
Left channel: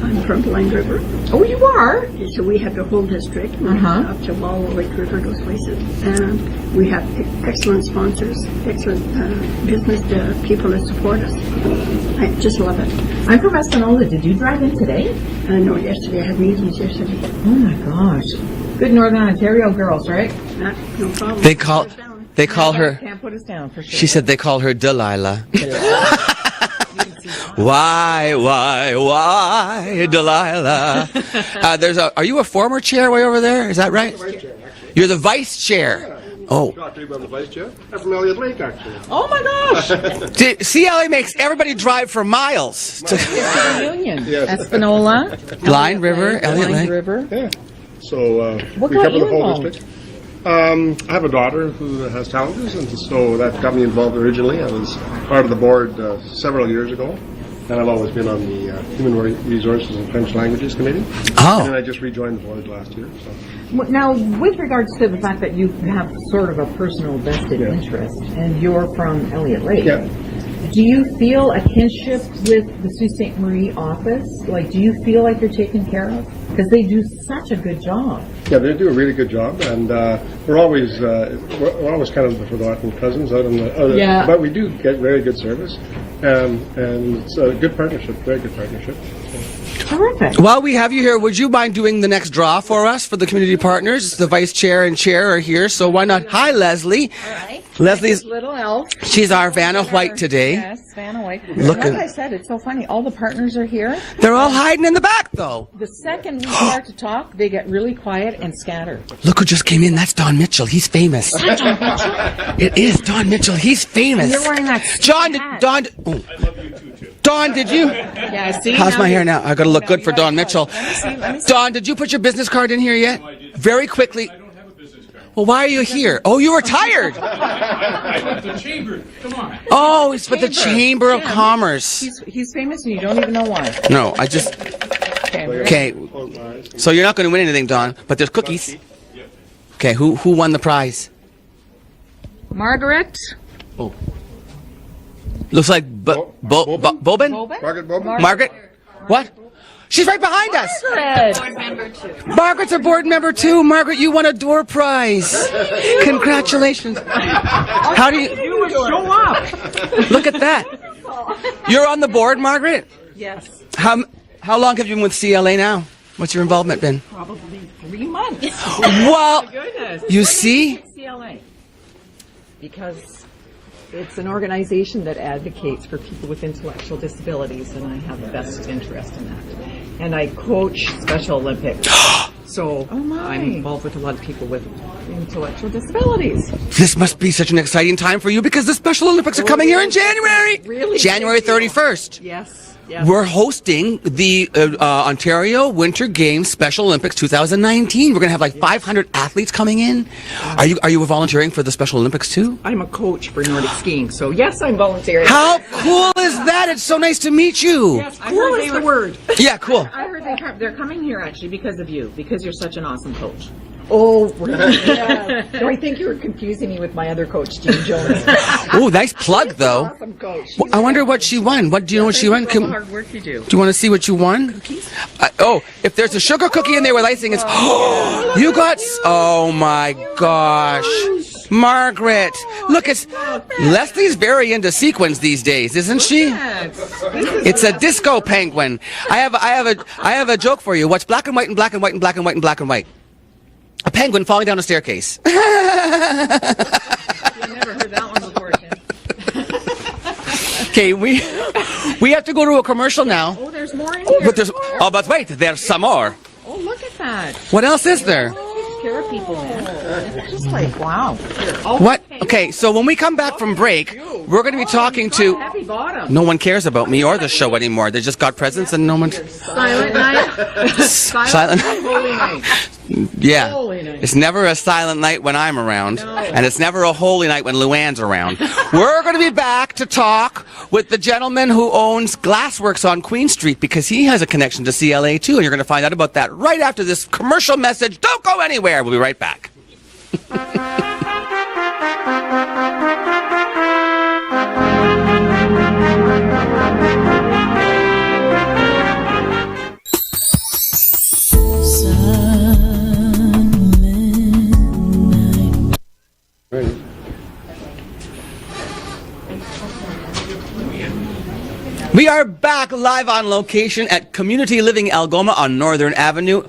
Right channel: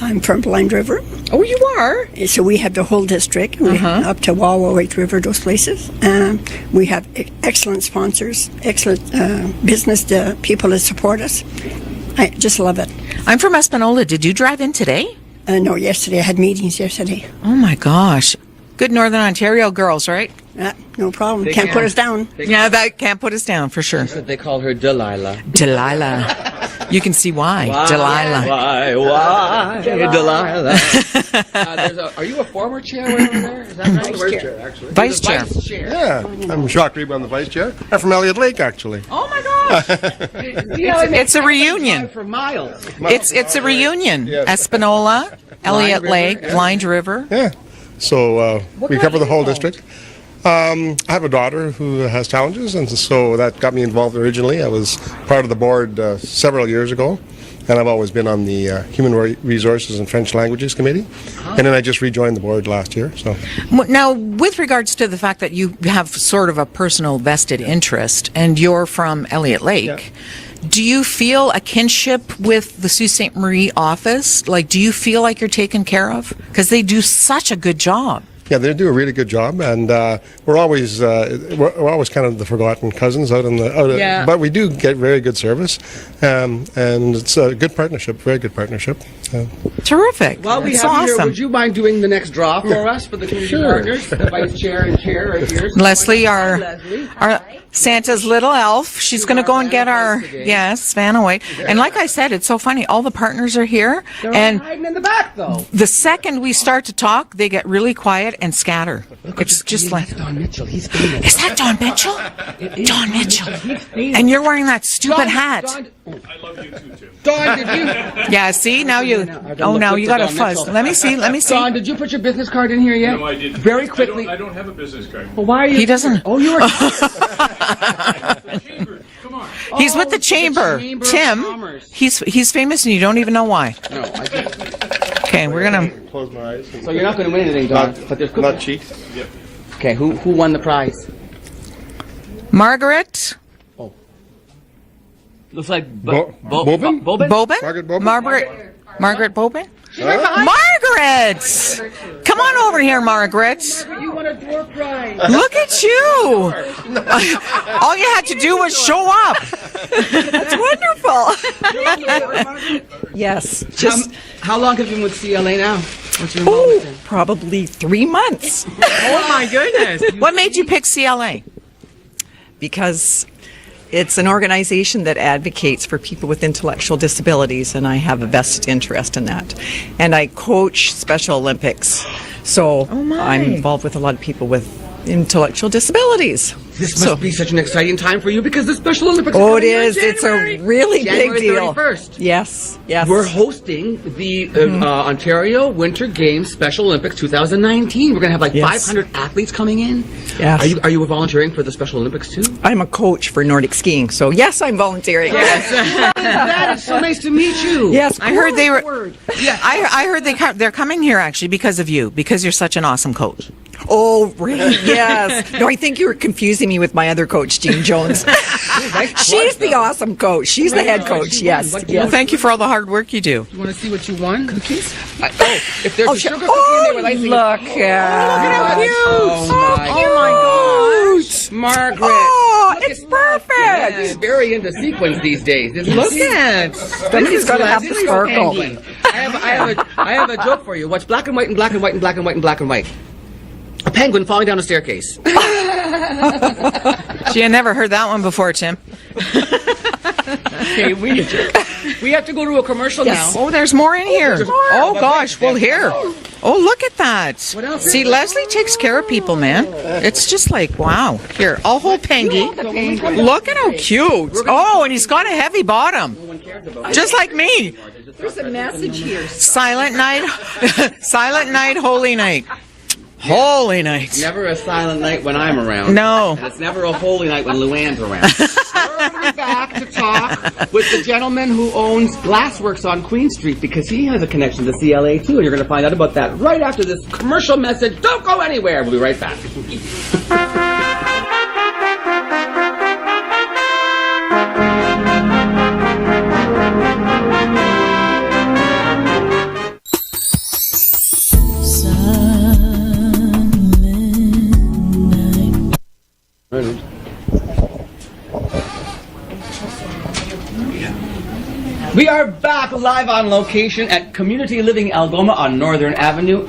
I'm from Blind River, Oh, you are? so we have the whole district, up to Wallow, White River, those places. We have excellent sponsors, excellent business people that support us. I just love it. I'm from Espanola. Did you drive in today? No, yesterday I had meetings yesterday. Oh my gosh. Good Northern Ontario girls, right? No problem. They Can't call- put us down. They Yeah, call that her. can't put us down for sure. She said they call her Delilah. Delilah. You can see why. Delilah. Why, Delilah? There's a. Are you a former chair way over there? Is that right? Vice chair, actually. You're the Vice chair. vice chair. Yeah. I'm Jacques Reeb, I'm the vice chair. I'm from Elliott Lake, actually. Oh my gosh. CLA makes It's a everybody reunion. drive for miles. It's a reunion. Espanola, Blind Elliott River, Lake, Blind everything. River. Yeah. So we got cover the you whole involved? district. I have a daughter who has challenges, and so that got me involved originally. I was part of the board several years ago, and I've always been on the Human Resources and French Languages Committee. Oh. And then I just rejoined the board last year. So Now, with regards to the fact that you have sort of a personal vested interest and you're from Elliott Lake, Yeah. do you feel a kinship with the Sault Ste. Marie office? Like, do you feel like you're taken care of? Because they do such a good job. yeah, they do a really good job, and we're always kind of the forgotten cousins out in the. Yeah. But we do get very good service, and it's a good partnership, very good partnership. Yeah. Terrific. While we That's have you here, awesome. would you mind doing the next draw for us for the community partners? The vice chair and chair are here, so why Leslie, not? Hi, our- Leslie. Our Santa's Leslie's- little elf. she's gonna our go and Vanna get White our- today. Yes, Vanna White. And like I said, it's so funny. All the partners are here. They're all and hiding in the back, though. the second we start to talk, they get really quiet and scatter. Look who just came in. like- That's Don Mitchell. He's famous. Is that John Mitchell? It is Don Mitchell. He's famous. And you're wearing that stupid John, hat. Don, oh. Don, did you? Yeah, see? How's now my you're- hair now? I gotta oh, look now good you for gotta Don fuzz. Mitchell. Let me see. Don, did you put your business card in here yet? No, I didn't. Very quickly. I don't have a business card. Well, why are you He doesn't- here? Oh, you were tired. I'm at the chamber. Come on. He's Oh, with the it's with the chamber. Chamber of Tim, Commerce. He's famous and you don't even know why. No, I just. Okay, we're Okay. gonna. Close my eyes. So you're not going to win anything, Don. But there's Not cookies. cheap. Okay, who won the prize? Margaret Looks like Bobin? Bobin. Bobin? Margaret Bobin? Margaret Bobin? She's right behind us. Margaret! Come on over here, Margaret. Margaret. Two. Margaret, you won a door prize. Look at you. Congratulations. All you had to do was show up. Look at that. Wonderful. You're on the board, Margaret? Yes. How long have you been with CLA now? What's your involvement been? Probably 3 months. Oh my goodness. What made you pick CLA? Because it's an organization that advocates for people with intellectual disabilities, and I have a vested interest in that. And I coach Special Olympics. So I'm involved with a lot of people with intellectual disabilities. This must be such an exciting time for you because the Special Olympics are coming here in January. It's a really January big deal. 31st. Yes, yes. We're hosting the Ontario Winter Games Special Olympics 2019. We're going to have like 500 athletes coming in. Yes. Are you volunteering for the Special Olympics too? I'm a coach for Nordic skiing, so yes, I'm volunteering. How cool is that? It's so nice to meet you. Yes, I heard they were. word. Yeah, cool. I heard they're coming here actually because of you, because you're such an awesome coach. Oh, really? Yes. No, I think you were confusing me with my other coach, Jean Jones. Oh, nice plugs, She's the awesome coach. She's the I wonder head what coach, she won. yes. What do you know? What Thank she you won? for all the Can- hard work you do. Do you want to see what you won? Cookies. If there's a sugar cookie in there with icing, it's yeah. you got. Oh my gosh, Margaret! Look, it's perfect. Leslie's very into sequins these days, isn't she? It's a disco penguin. I have a joke for you. What's black and white and black and white and black and white and black and white? A penguin falling down a staircase. Gee, I never heard that one before, Tim. Okay, we have to go to a commercial now. Oh, there's more in here. there's- Oh, but gosh, wait, there's well, some here. more. Oh, look at that. What else is See, there? Leslie takes care of people, man. It's just like, wow. Here, I'll hold Penguin. Okay, so when we come back Look from at break, how cute. we're going to be Oh, talking he's got to. a heavy bottom. No one cares about me Just or like the show me. anymore. They just got presents and no one. Silent night. Silent night, holy night. Yeah. Holy night. It's never a silent night when I'm around. No. And it's never a holy night when Luann's around. We're going to be back to talk with the gentleman who owns Glassworks on Queen Street because he has a connection to CLA too. And you're going to find out about that right after this commercial message. Don't go anywhere. We'll be right back. We are back live on location at Community Living Algoma on Northern Avenue.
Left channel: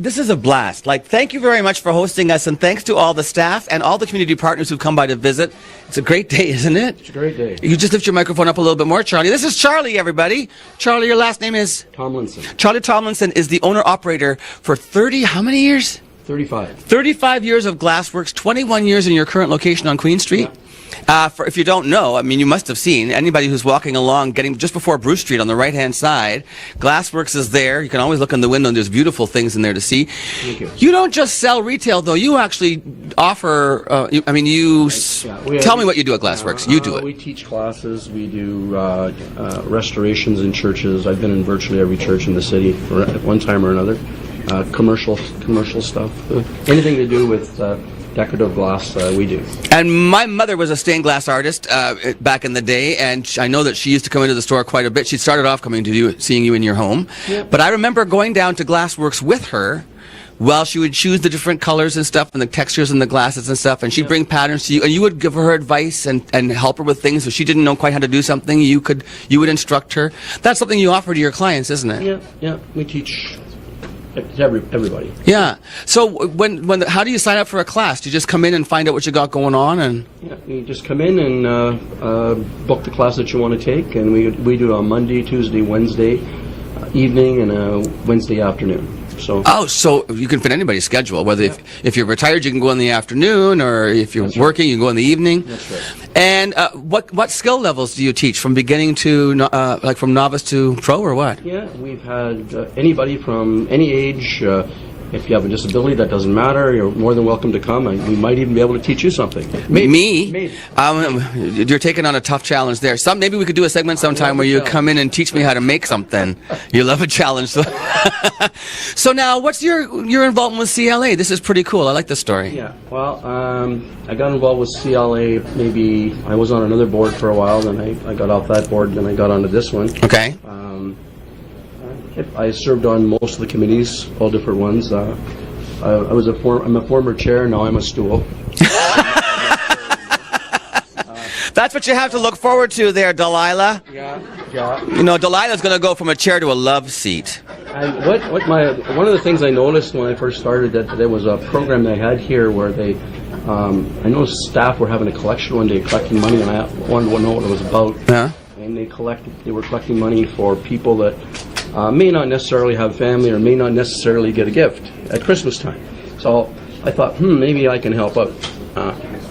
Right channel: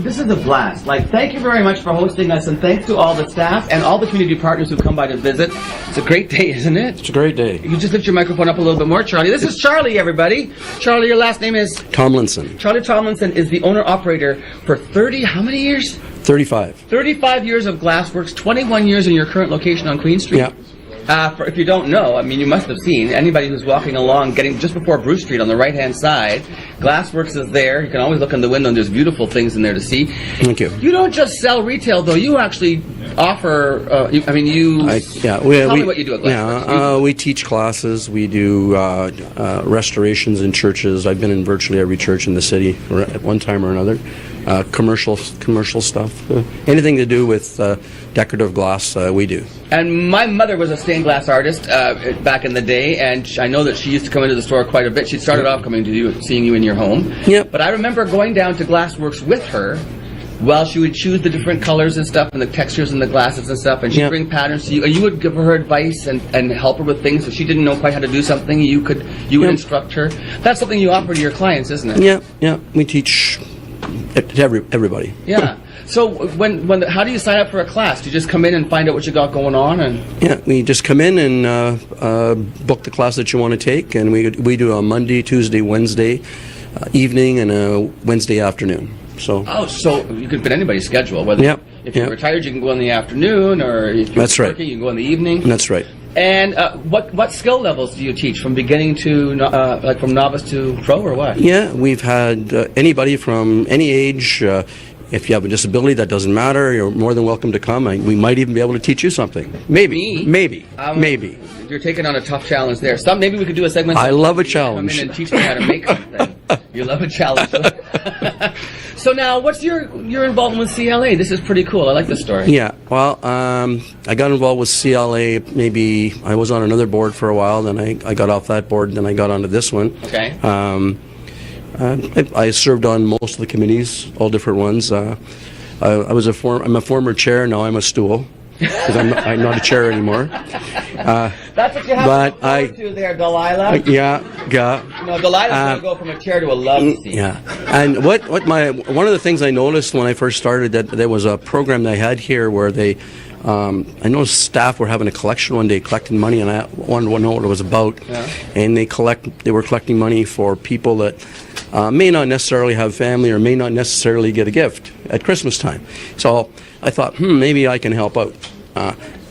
This is a blast. Thank you very much for hosting us, and thanks to all the staff and all the community partners who come by to visit. It's a great day, isn't it? It's a great day. You just lift your microphone up a little bit more, Charlie. This is Charlie, everybody. Charlie, your last name is? Tomlinson. Charlie Thomlinson is the owner-operator for how many years? 35. 35 years of Glassworks, 21 years in your current location on Queen Street. Yeah. If you don't know, you must have seen anybody who's walking along, getting just before Bruce Street on the right-hand side. Glassworks is there. You can always look in the window, and there's beautiful things in there to see. Thank you. You don't just sell retail, though. You actually offer. Tell me what you do at Glassworks. You do it. We teach classes. We do restorations in churches. I've been in virtually every church in the city at one time or another. Commercial stuff. Anything to do with decorative glass, we do. And my mother was a stained glass artist back in the day, and I know that she used to come into the store quite a bit. She started off coming to you, seeing you in your home. Yep. But I remember going down to Glassworks with her while she would choose the different colors and stuff and the textures and the glasses and stuff, and she'd bring patterns to you, and you would give her advice and help her with things. If she didn't know quite how to do something, you would instruct her. That's something you offer to your clients, isn't it? Yeah. We teach to everybody. Yeah. So how do you sign up for a class? Do you just come in and find out what you got going on? Yeah, we just come in and book the class that you want to take, and we do a Monday, Tuesday, Wednesday evening, and a Wednesday afternoon. So you can fit anybody's schedule. Whether if you're retired, you can go in the afternoon, or if you're working, you can go in the evening. That's right. And what skill levels do you teach, from beginning to from novice to pro, or what? Yeah, we've had anybody from any age. If you have a disability, that doesn't matter. You're more than welcome to come. We might even be able to teach you something. Maybe. Maybe. You're taking on a tough challenge there. Maybe we could do a segment sometime where you come in and teach me how to make something. You love a challenge. So now, what's your involvement with CLA? This is pretty cool. I like this story. Yeah. Well, I got involved with CLA. Maybe I was on another board for a while. Then I got off that board. And then I got onto this one. Okay. I served on most of the committees, all different ones. I'm a former chair. Now I'm a stool. 'Cause I'm not a chair anymore. That's what you have to but look forward to there, Delilah. Yeah. You know, Delilah's going to go from a chair to a love seat. Yeah. And one of the things I noticed when I first started, that there was a program they had here where they, I noticed staff were having a collection one day, collecting money, and I wanted to know what it was about. Yeah. And they were collecting money for people that may not necessarily have family or may not necessarily get a gift at Christmas time. So I thought, maybe I can help out.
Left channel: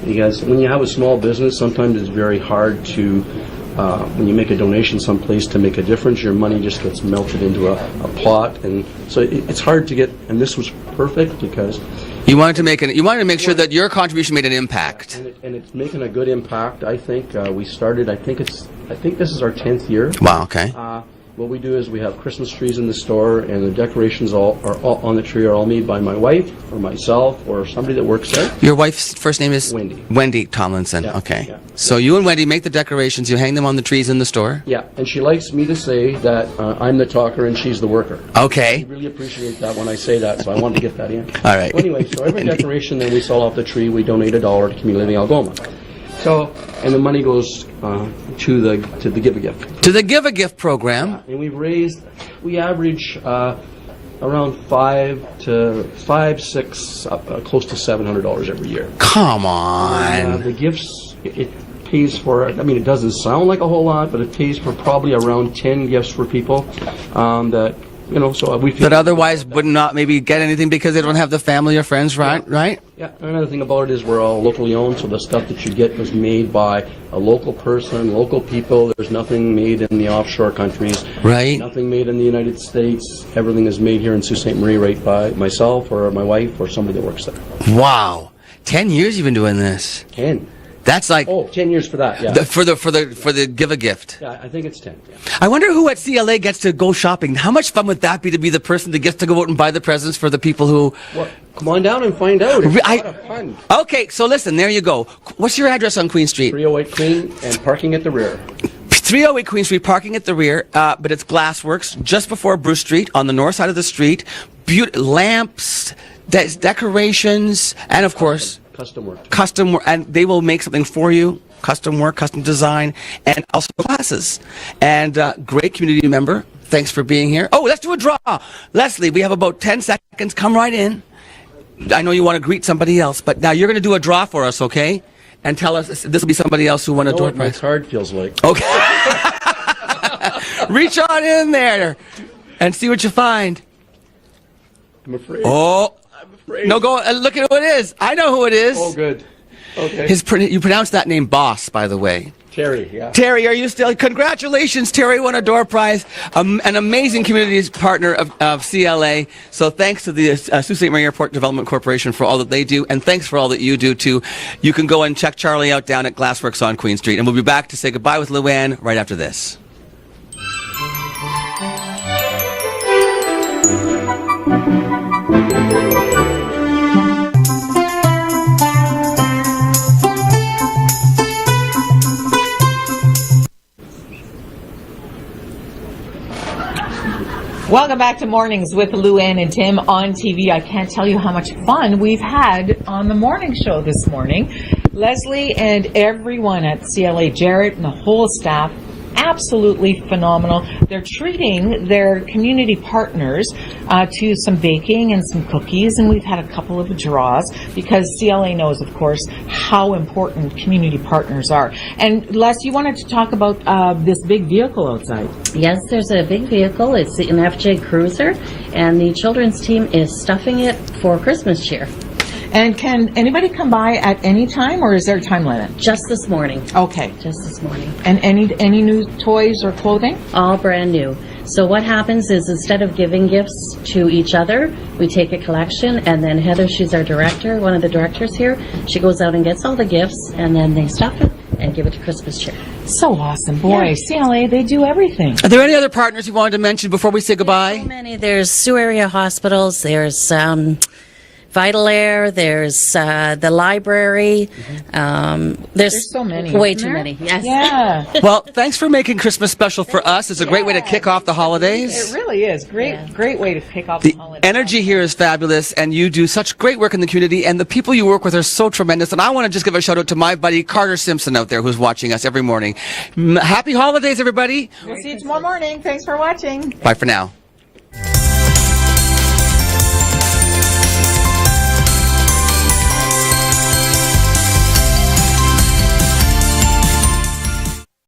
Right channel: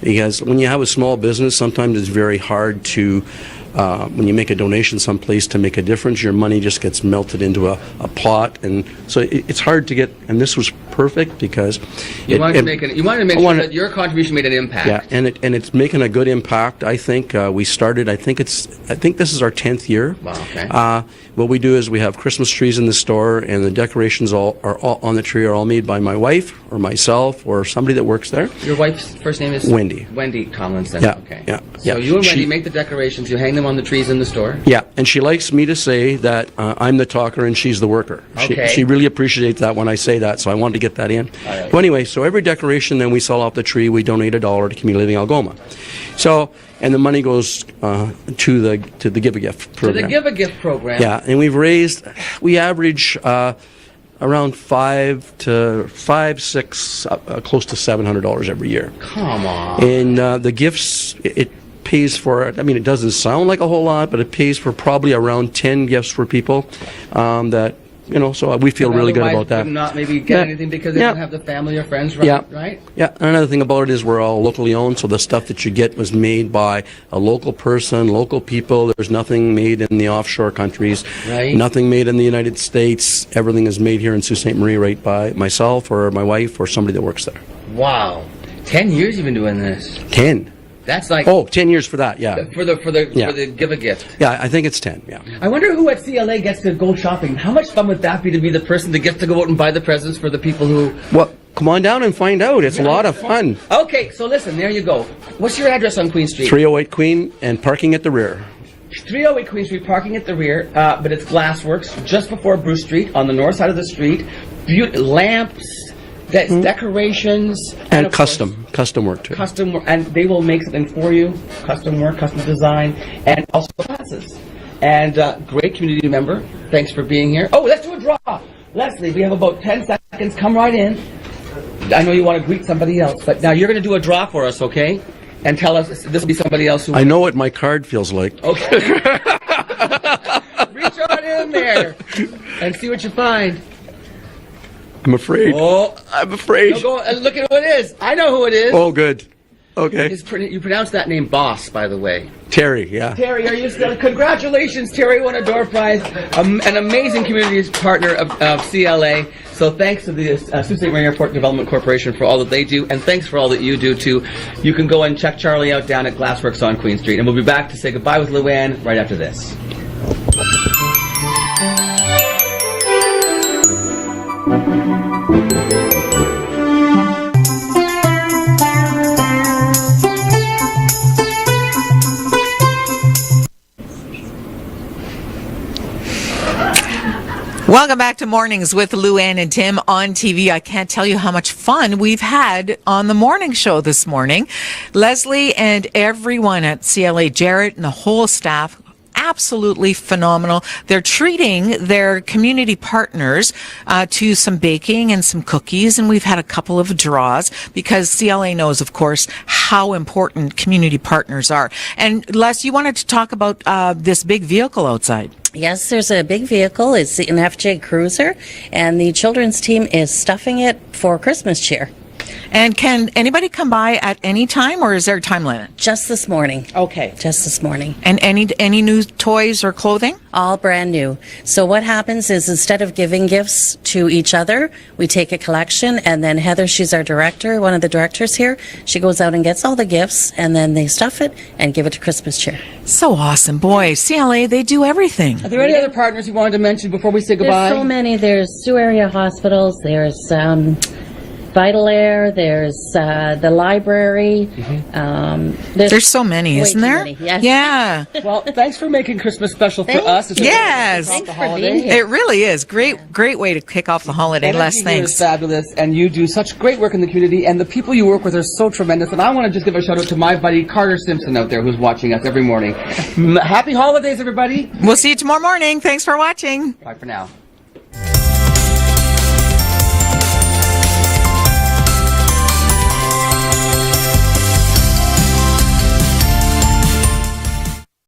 Because when you have a small business, sometimes it's very hard to, when you make a donation someplace to make a difference, your money just gets melted into a pot, and so it's hard to get. And this was perfect because You wanted to make sure that your contribution made an impact. Yeah, and it's making a good impact. I think we started. I think this is our 10th year. Wow. Okay. What we do is we have Christmas trees in the store, and the decorations are all on the tree are all made by my wife or myself or somebody that works there. Your wife's first name is Wendy. Wendy Thomlinson. Yeah. Okay. Yeah. So Yeah. you and Wendy make the decorations. You hang them on the trees in the store. Yeah, and she likes me to say that I'm the talker and she's the worker. Okay. She really appreciates that when I say that, so I wanted to get that in. All right. Well, anyway, so every decoration then we sell off the tree, we donate $1 to Community Living Algoma. So, and the money goes to the Give a Gift. To the program. Give a Gift program. Yeah, and we average around $600, close to $700 every year. Come on. And the gifts, it pays for, I mean, it doesn't sound like a whole lot, but it pays for probably around 10 gifts for people that, so we feel that really otherwise good about that. would not maybe get anything because they don't have the family or friends, right? Yeah. Right? Yeah, and another thing about it is we're all locally owned, so the stuff that you get was made by a local person, local people. There's nothing made in the offshore countries. Right. Nothing made in the United States. Everything is made here in Sault Ste. Marie right by myself or my wife or somebody that works there. Wow. 10 years you've been doing this. 10. That's like 10 years for that, yeah. for the Give a Gift. Yeah, I think it's 10, yeah. I wonder who at CLA gets to go shopping. How much fun would that be to be the person that gets to go out and buy the presents for the people who... Well, come on down and find out. It's a lot of fun. Okay, so listen, there you go. What's your address on Queen Street? 308 Queen and parking at the rear. 308 Queen Street, parking at the rear, but it's Glassworks, just before Bruce Street, on the north side of the street. Lamps... decorations, and of course custom work too. Custom work, and they will make something for you. Custom work, custom design, and also classes. And great community member. Thanks for being here. Oh, let's do a draw, Leslie. We have about 10 seconds. Come right in. I know you want to greet somebody else, but now you're going to do a draw for us, okay? And tell us this will be somebody else who. I know what my card feels like. Okay. Reach on in there and see what you find. I'm afraid. Oh, I'm afraid. No, go and look at who it is. I know who it is. Oh, good. Okay. You pronounce that name Boss, by the way. Terry, yeah. Terry, are you still? Congratulations, Terry won a door prize. An amazing community partner of CLA. So thanks to the Sault Ste. Marie Airport Development Corporation for all that they do, and thanks for all that you do too. You can go and check Charlie out down at Glassworks on Queen Street, and we'll be back to say goodbye with Luann right after this. Welcome back to Mornings with Luann and Tim on TV. I can't tell you how much fun we've had on the morning show this morning. Leslie and everyone at CLA, Jarrett and the whole staff, absolutely phenomenal. They're treating their community partners to some baking and some cookies, and we've had a couple of draws because CLA knows, of course, how important community partners are. And Les, you wanted to talk about this big vehicle outside. Yes, there's a big vehicle. It's an FJ Cruiser, and the children's team is stuffing it for Christmas cheer. And can anybody come by at any time, or is there a time limit? Just this morning. Okay. Just this morning. And any new toys or clothing? All brand new. So what happens is instead of giving gifts to each other, we take a collection, and then Heather, she's our director, one of the directors here, she goes out and gets all the gifts, and then they stuff it and give it to Christmas cheer. So awesome. Boy, CLA, they do everything. Are there any other partners you wanted to mention before we say goodbye? There's so many. There's Sioux Area Hospitals. There's Vital Air, there's the library. There's so many, way isn't too there? many. Yeah. Yeah. Well, thanks for making Christmas special for us. It's a great way to Yes. kick off the holidays. It really is. Great way to kick off the holiday. Energy Les, here is thanks. fabulous, and you do such great work in the community, and the people you work with are so tremendous. And I want to just give a shout out to my buddy Carter Simpson out there who's watching us every morning. Happy holidays, everybody. We'll see you tomorrow morning. Thanks for watching. Bye for now.